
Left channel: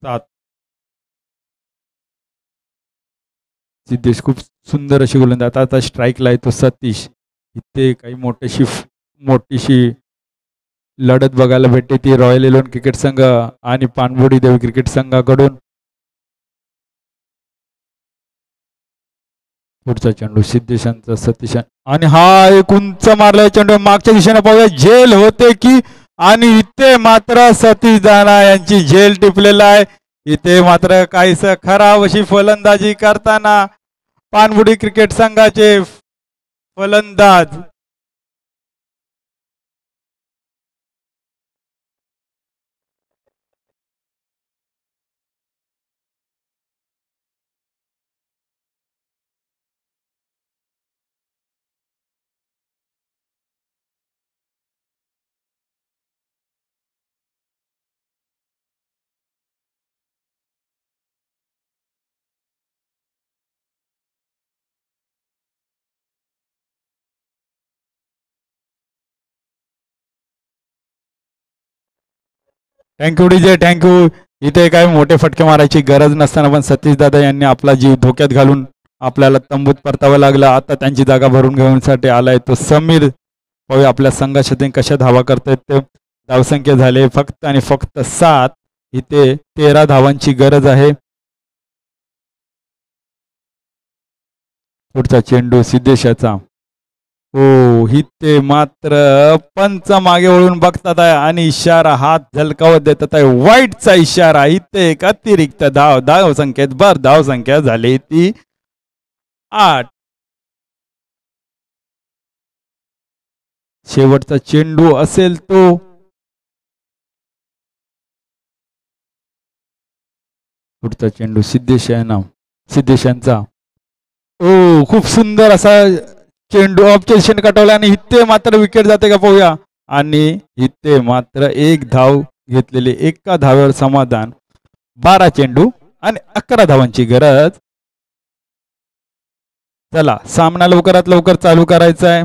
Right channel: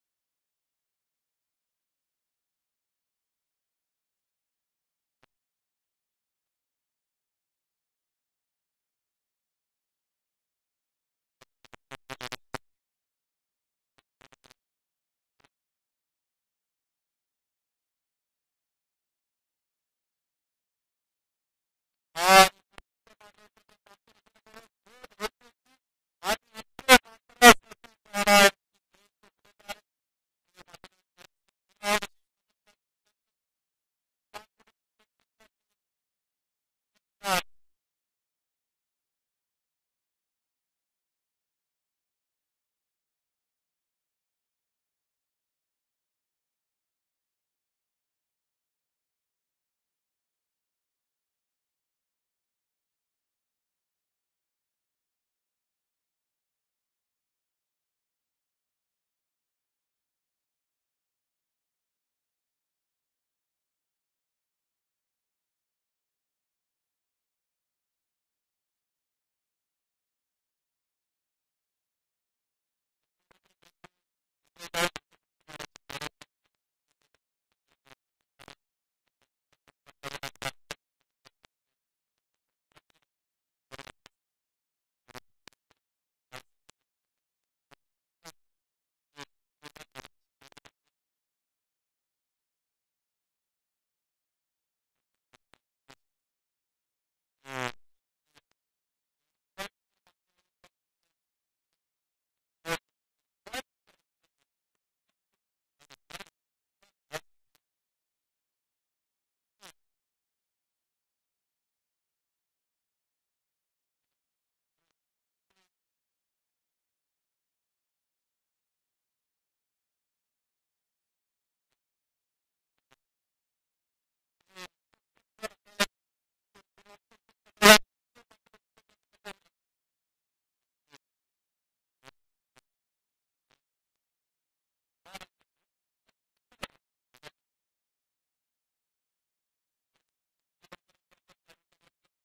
7. सिद्धेश खूप सुंदर अशी गोलंदाज. आता स्ट्राईकला आहे तो सतीश. इथे काही मोठीशी लढत बघायला भेटते ती रॉयल 11 क्रिकेट संघ आणि पाणबुडी देवी क्रिकेट संघाकडून. पुढचा चेंडू सिद्धेशांचा सतीश आणि हा एक उंच मारलाय चेंडू मागच्या दिशेने पाहूया झेल होते की आणि इथे मात्र सतीश दाना यांची झेल टिपलेला आहे. इथे मात्र काहीस खराब अशी फलंदाजी करताना पाणबुडी क्रिकेट संघाचे फलंदाज थँक्यू डीजे थँक्यू. इथे काय मोठे फटके मारायची गरज नसताना पण सतीश दादा यांनी आपला जीव धोक्यात घालून आपल्याला तंबूत परतावं लागलं. आता त्यांची जागा भरून घेण्यासाठी आलाय तो समीर. पाहूया आपल्या संघासाठी कशा धावा करतायत ते. धावसंख्या झाले फक्त आणि फक्त 7. इथे 13 धावांची गरज आहे. पुढचा चेंडू सिद्धेशाचा. हो इथे मात्र पंच मागे वळून बघतात आहे आणि इशारा हात झलकावत देतात आहे. वाईटचा इशारा. इथे एक अतिरिक्त धाव संख्येत धाव संख्या झाली ती 8. शेवटचा चेंडू असेल तो पुढचा चेंडू सिद्धेशांचा. ओ खूप सुंदर असा चेंडू ऑब्जेक्शन कटवला आणि इथे मात्र विकेट जाते का पाहूया. आणि इथे मात्र एक धाव घेतलेली, एका धाव्यावर समाधान. 12 चेंडू आणि 11 धावांची गरज. चला सामना लवकरात लवकर चालू करायचा आहे.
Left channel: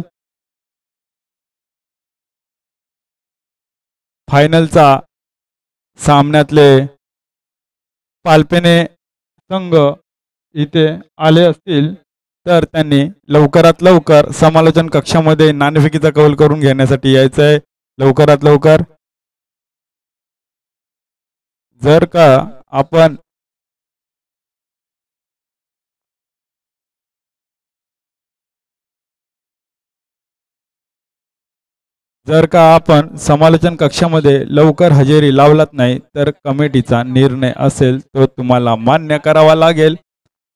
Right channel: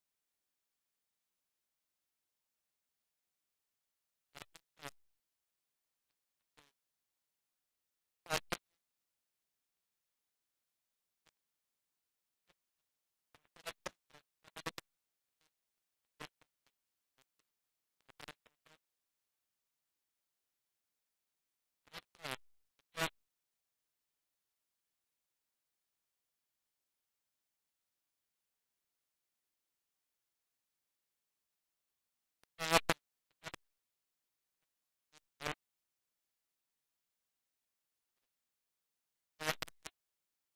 फायनलचा सामन्यातले पालपेने संघ इथे आले असतील तर त्यांनी लवकरात लवकर समालोचन कक्षामध्ये नाणेफेकीचा कौल करून घेण्यासाठी यायचं आहे. लवकरात लवकर. जर का आपण समालोचन कक्षामध्ये लवकर हजेरी लावलात नाही तर कमिटीचा निर्णय असेल तो तुम्हाला मान्य करावा लागेल.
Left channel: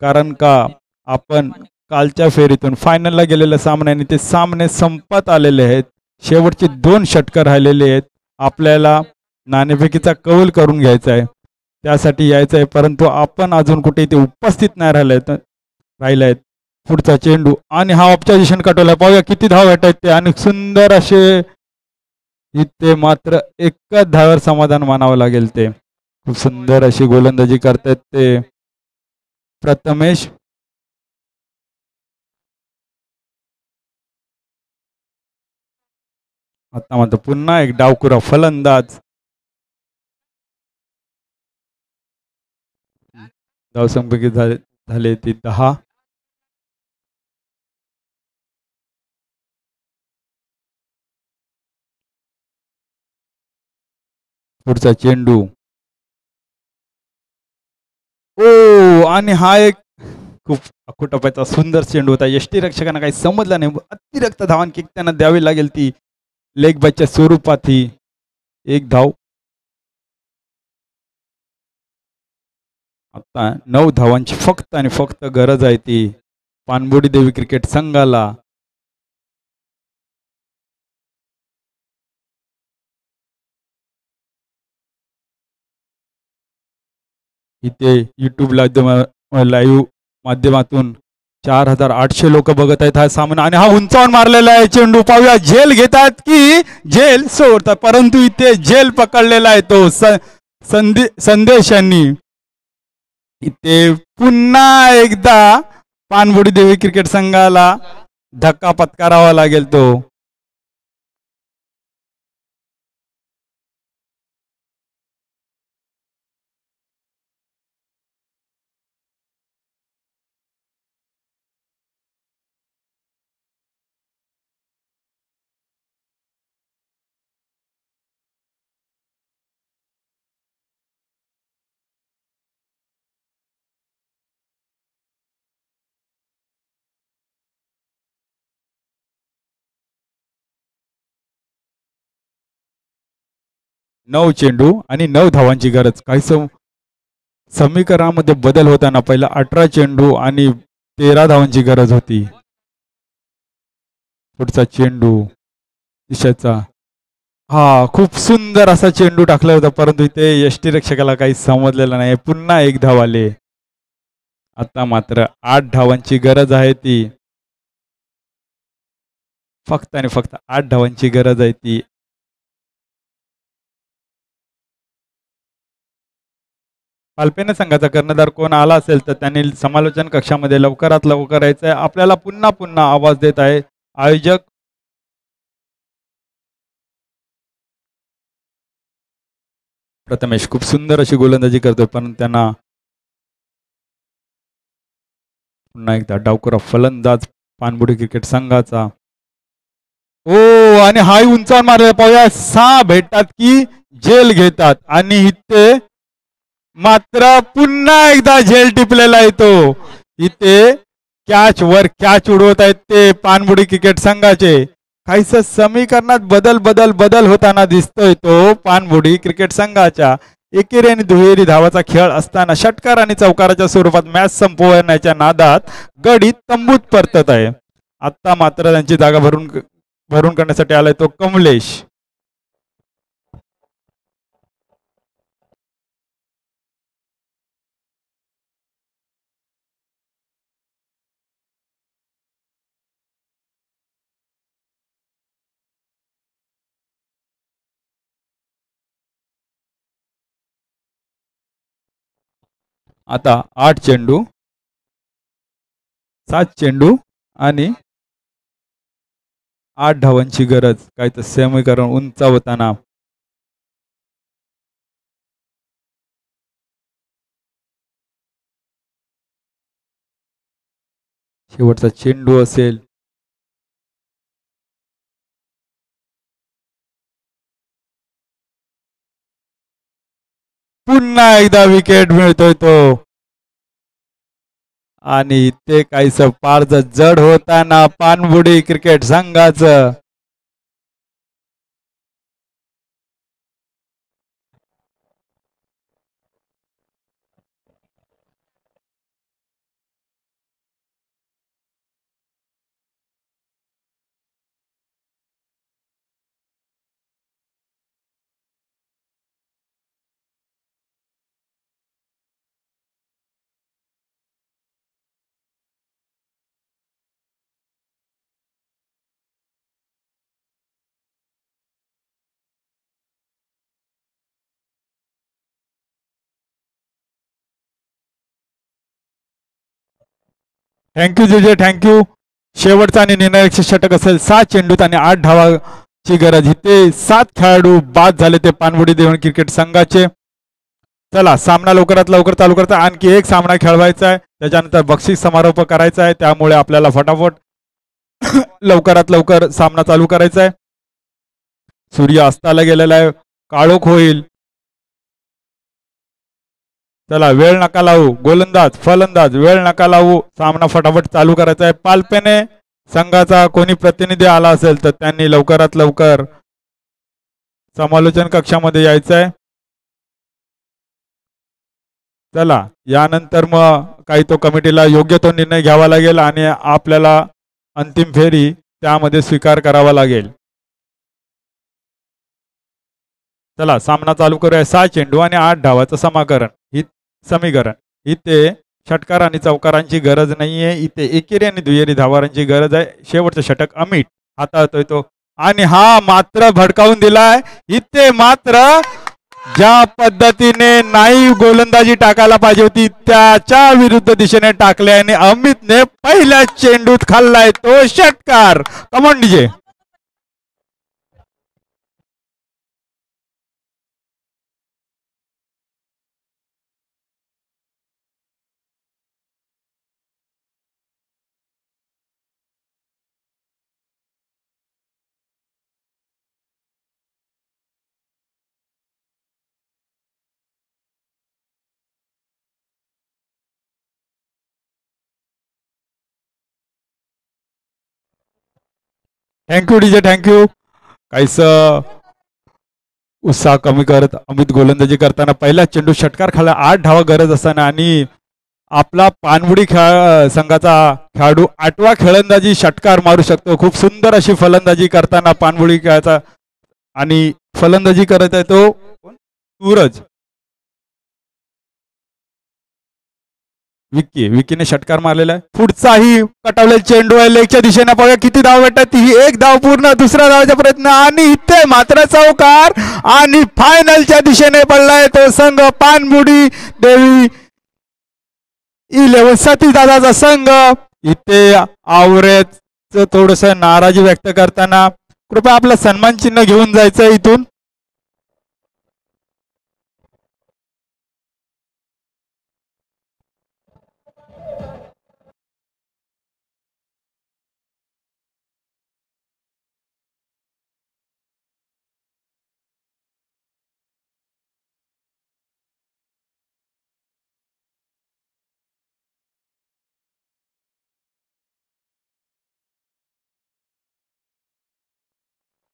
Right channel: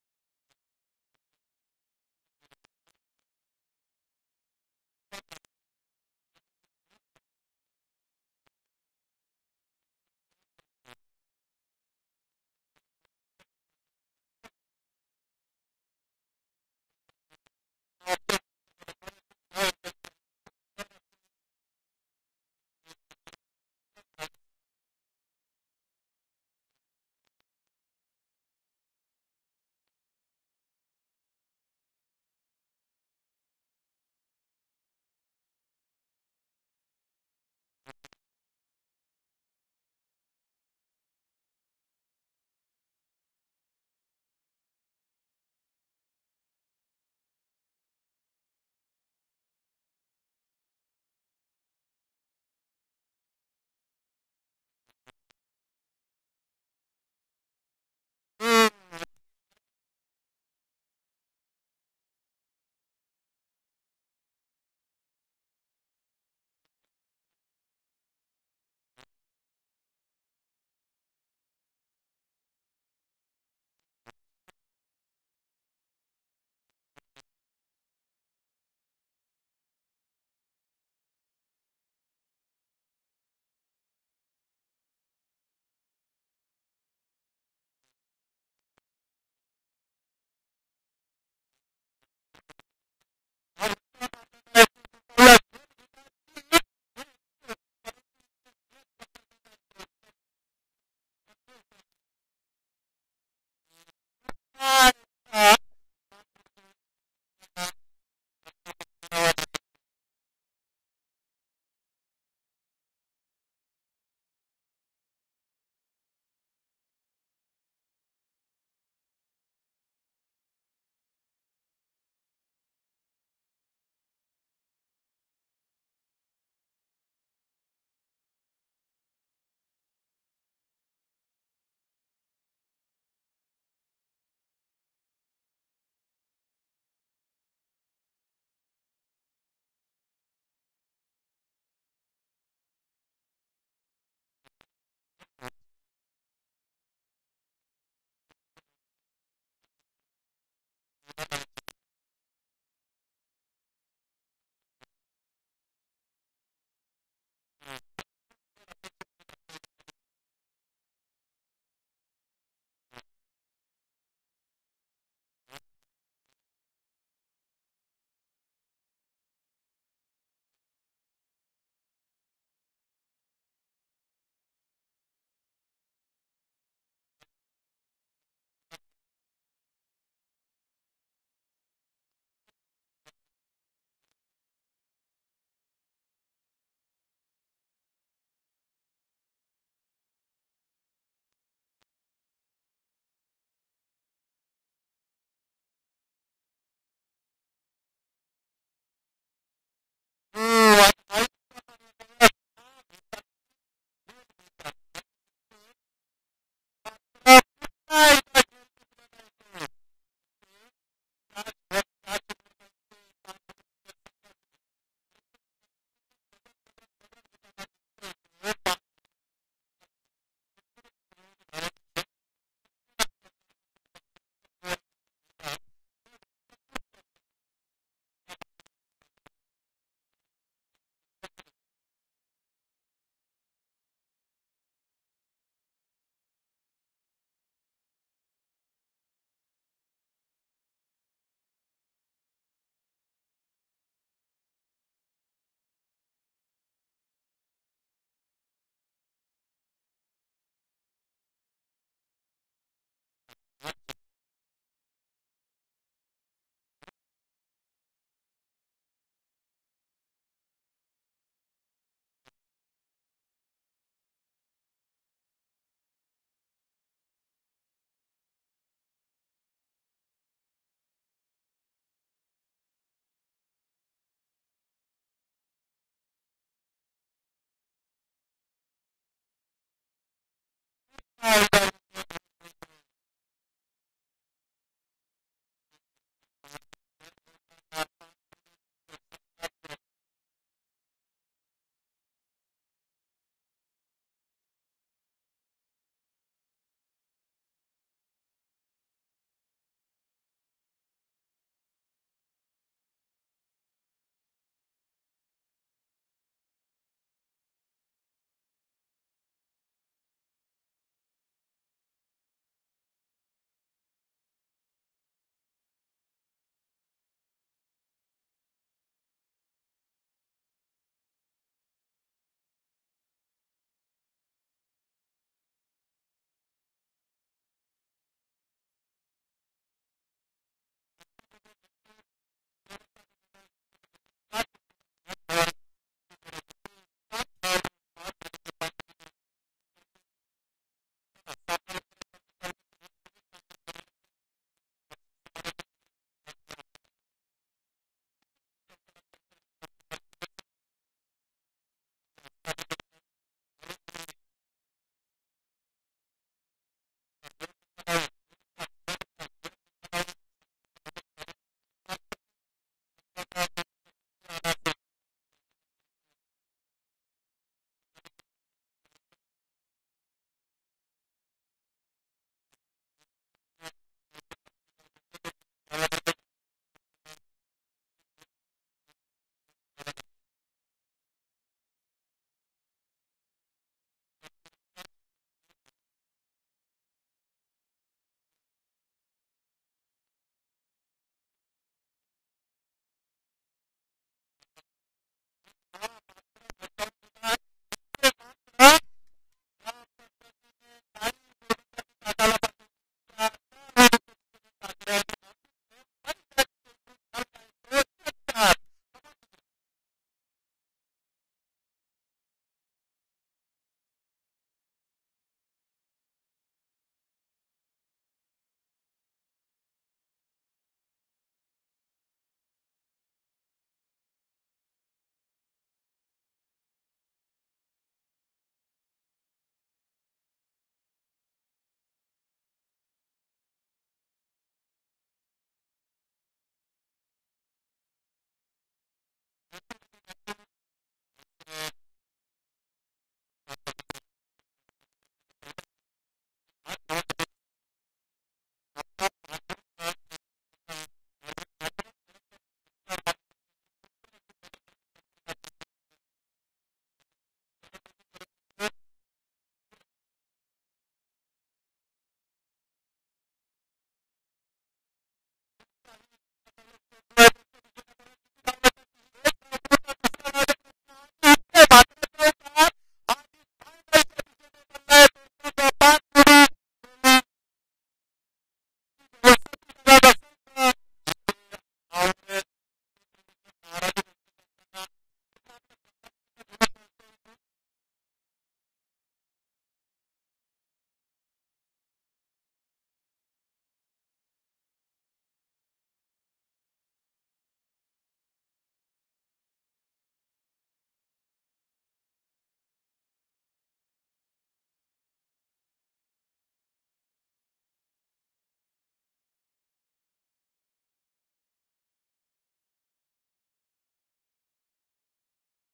कारण का आपण कालच्या फेरीतून फायनलला गेलेल्या सामन्याने ते सामने संपत आलेले आहेत. शेवटचे 2 षटकर राहिलेले आहेत. आपल्याला नाणेफेकीचा कौल करून घ्यायचा आहे, त्यासाठी यायचं आहे. परंतु आपण अजून कुठे इथे उपस्थित नाही राहिले आहेत. पुढचा चेंडू आणि हा ऑब्झर्वेशन कटवला. पाहूया किती धाव भेटत ते आणि सुंदर असे. इथे मात्र एकच धाव्यावर समाधान मानावं लागेल. ते खूप सुंदर अशी गोलंदाजी करतात ते प्रथमेश. आता मात्र पुन्हा एक डावखुरा फलंदाज. धावसंख्या झाले ती 10. पुढचा चेंडू. ओ आणि हा एक खूप अखुटपायचा सुंदर चेंडू होता. यष्टीरक्षकांना काही समजलं नाही. अतिरिक्त धावांन किक त्यांना द्यावी लागेल ती लेग बायच्या स्वरूपात. ही 1 धाव. आता 9 धावांची फक्त आणि फक्त गरज आहे ती पाणबुडी देवी क्रिकेट संघाला. इथे युट्यूब लाईव्ह माध्यमातून 4800 लोक बघत आहेत हा सामना. आणि हा उंचावून मारलेला आहे चेंडू. पाहूया झेल घेतात की झेल सोडतात. परंतु इथे झेल पकडलेला आहे तो संदेश यांनी. इथे पुन्हा एकदा पानबुडी देवी क्रिकेट संघाला धक्का पत्करावा लागेल तो. नऊ चेंडू आणि 9 धावांची गरज. काही समीकरणामध्ये बदल होताना पहिला 18 चेंडू आणि 13 धावांची गरज होती. पुढचा चेंडू दिशाचा, हा खूप सुंदर असा चेंडू टाकला होता, परंतु इथे यष्टीरक्षकाला काही समजलेलं नाही. पुन्हा 1 धाव आले. आता मात्र 8 धावांची गरज आहे ती, फक्त आणि फक्त 8 धावांची गरज आहे ती. पालपेने संघाचा कर्णधार कोण आला असेल तर त्यांनी समालोचन कक्षामध्ये लवकरात लवकर यायचं आहे. आपल्याला पुन्हा पुन्हा आवाज देत आहे आयोजक. प्रथमेश खूप सुंदर अशी गोलंदाजी करतोय, पण त्यांना पुन्हा एकदा डावखुरा फलंदाज पानबुडी क्रिकेट संघाचा. ओ आणि हाय उंचावर मारले पाहूया. 6 भेटतात की जेल घेतात आणि इथे मात्र पुन्हा एकदा झेल टिपलेला येतो. इथे कॅच वर कॅच उडवत आहेत ते पानबुडी क्रिकेट संघाचे. काहीस समीकरणात बदल बदल बदल होताना दिसतोय तो पानबुडी क्रिकेट संघाच्या. एकेरी आणि दुहेरी धावाचा खेळ असताना षटकार आणि चौकाराच्या स्वरूपात मॅच संपवण्याच्या नादात गडी तंबूत परतत आहे. आता मात्र त्यांची जागा भरून करण्यासाठी आलाय तो कमलेश. आता 8 चेंडू, 7 चेंडू आणि 8 धावांची गरज. काय तर समीकरण उंचावताना शेवटचा चेंडू असेल. पुन्हा एकदा विकेट मिळतोय तो आणि ते काहीस फारच जड होताना पानबुडी क्रिकेट संघाचं. थँक्यू जेजे, थँक्यू. शेवटचा आणि निर्णायक षटक असेल. 7 चेंडूत आणि 8 धावाची गरज. इथे 7 खेळाडू बाद झाले ते पानबुडी देवण क्रिकेट संघाचे. चला सामना लवकरात लवकर चालू करता. आणखी एक सामना खेळवायचा आहे, त्याच्यानंतर बक्षीस समारोप करायचा आहे. त्यामुळे आपल्याला फटाफट लवकरात लवकर सामना चालू करायचा आहे. सूर्य अस्ताला गेलेला आहे, काळोख होईल. चला वेळ नका लावू. गोलंदाज फलंदाज वेळ नका लावू. सामना फटाफट चालू करायचा आहे. पालपेने संघाचा कोणी प्रतिनिधी आला असेल तर त्यांनी लवकरात लवकर समालोचन कक्षामध्ये यायचं आहे. चला यानंतर मग काही तो कमिटीला योग्य तो निर्णय घ्यावा लागेल आणि आपल्याला अंतिम फेरी त्यामध्ये स्वीकार करावा लागेल. चला सामना चालू करूया. 6 चेंडू आणि 8 धावाचं समीकरण. इथे षटकार आणि चौकारांची गरज नाहीये. इथे एकेरी आणि दुहेरी धावांची गरज आहे. शेवटचं षटक अमित हाताळतोय तो आणि हा मात्र भडकावून दिलाय. इथे मात्र ज्या पद्धतीने नाही गोलंदाजी टाकायला पाहिजे होती त्याच्या विरुद्ध दिशेने टाकले आणि अमितने पहिल्या चेंडूत खाल्लाय तो षटकार. Come on DJ. Thank you DJ thank you. काहीच उत्साह कमी करत अमित गोलंदाजी करताना पहिला चेंडू षटकार खाला. 8 धावा गरज असताना आणि आपला पानबुडी संघाचा खेळाडू 8वा खेळंदाजी षटकार मारू शकतो. खूप सुंदर अशी फलंदाजी करताना पानबुडी खेळाचा आणि फलंदाजी करत आहे तो सूरज. विकीने षटकार मारलेला आहे. पुढचाही कटावलेला चेंडू आहे लेगच्या दिशेने. बघा किती धाव भेटतात. ही एक धाव पूर्ण. दुसरा धावाचा प्रयत्न आणि इथे मात्र चौकार आणि फायनलच्या दिशेने पडलाय तो संघ पानबुडी देवी 11 सतीश दादाचा संघ. इथे आवरेच थोडस नाराजी व्यक्त करताना कृपया आपलं सन्मान चिन्ह घेऊन जायचं इथून.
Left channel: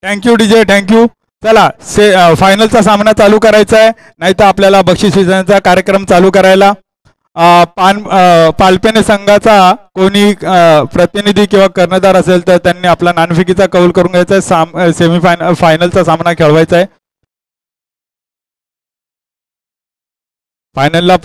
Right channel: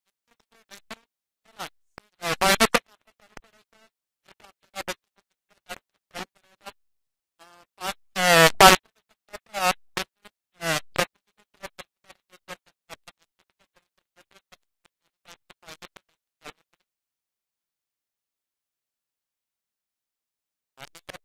Thank you DJ thank you. चला फायनलचा सामना चालू करायचा आहे नाही तर आपल्याला बक्षीस वितरणाचा कार्यक्रम चालू करायला. पालपेने संघाचा कोणी प्रतिनिधी किंवा कर्णधार असेल तर त्यांनी आपला नाणेफेकीचा कौल करून घ्यायचा आहे. सेमीफायनल फायनलचा सामना खेळवायचा आहे. फायनलला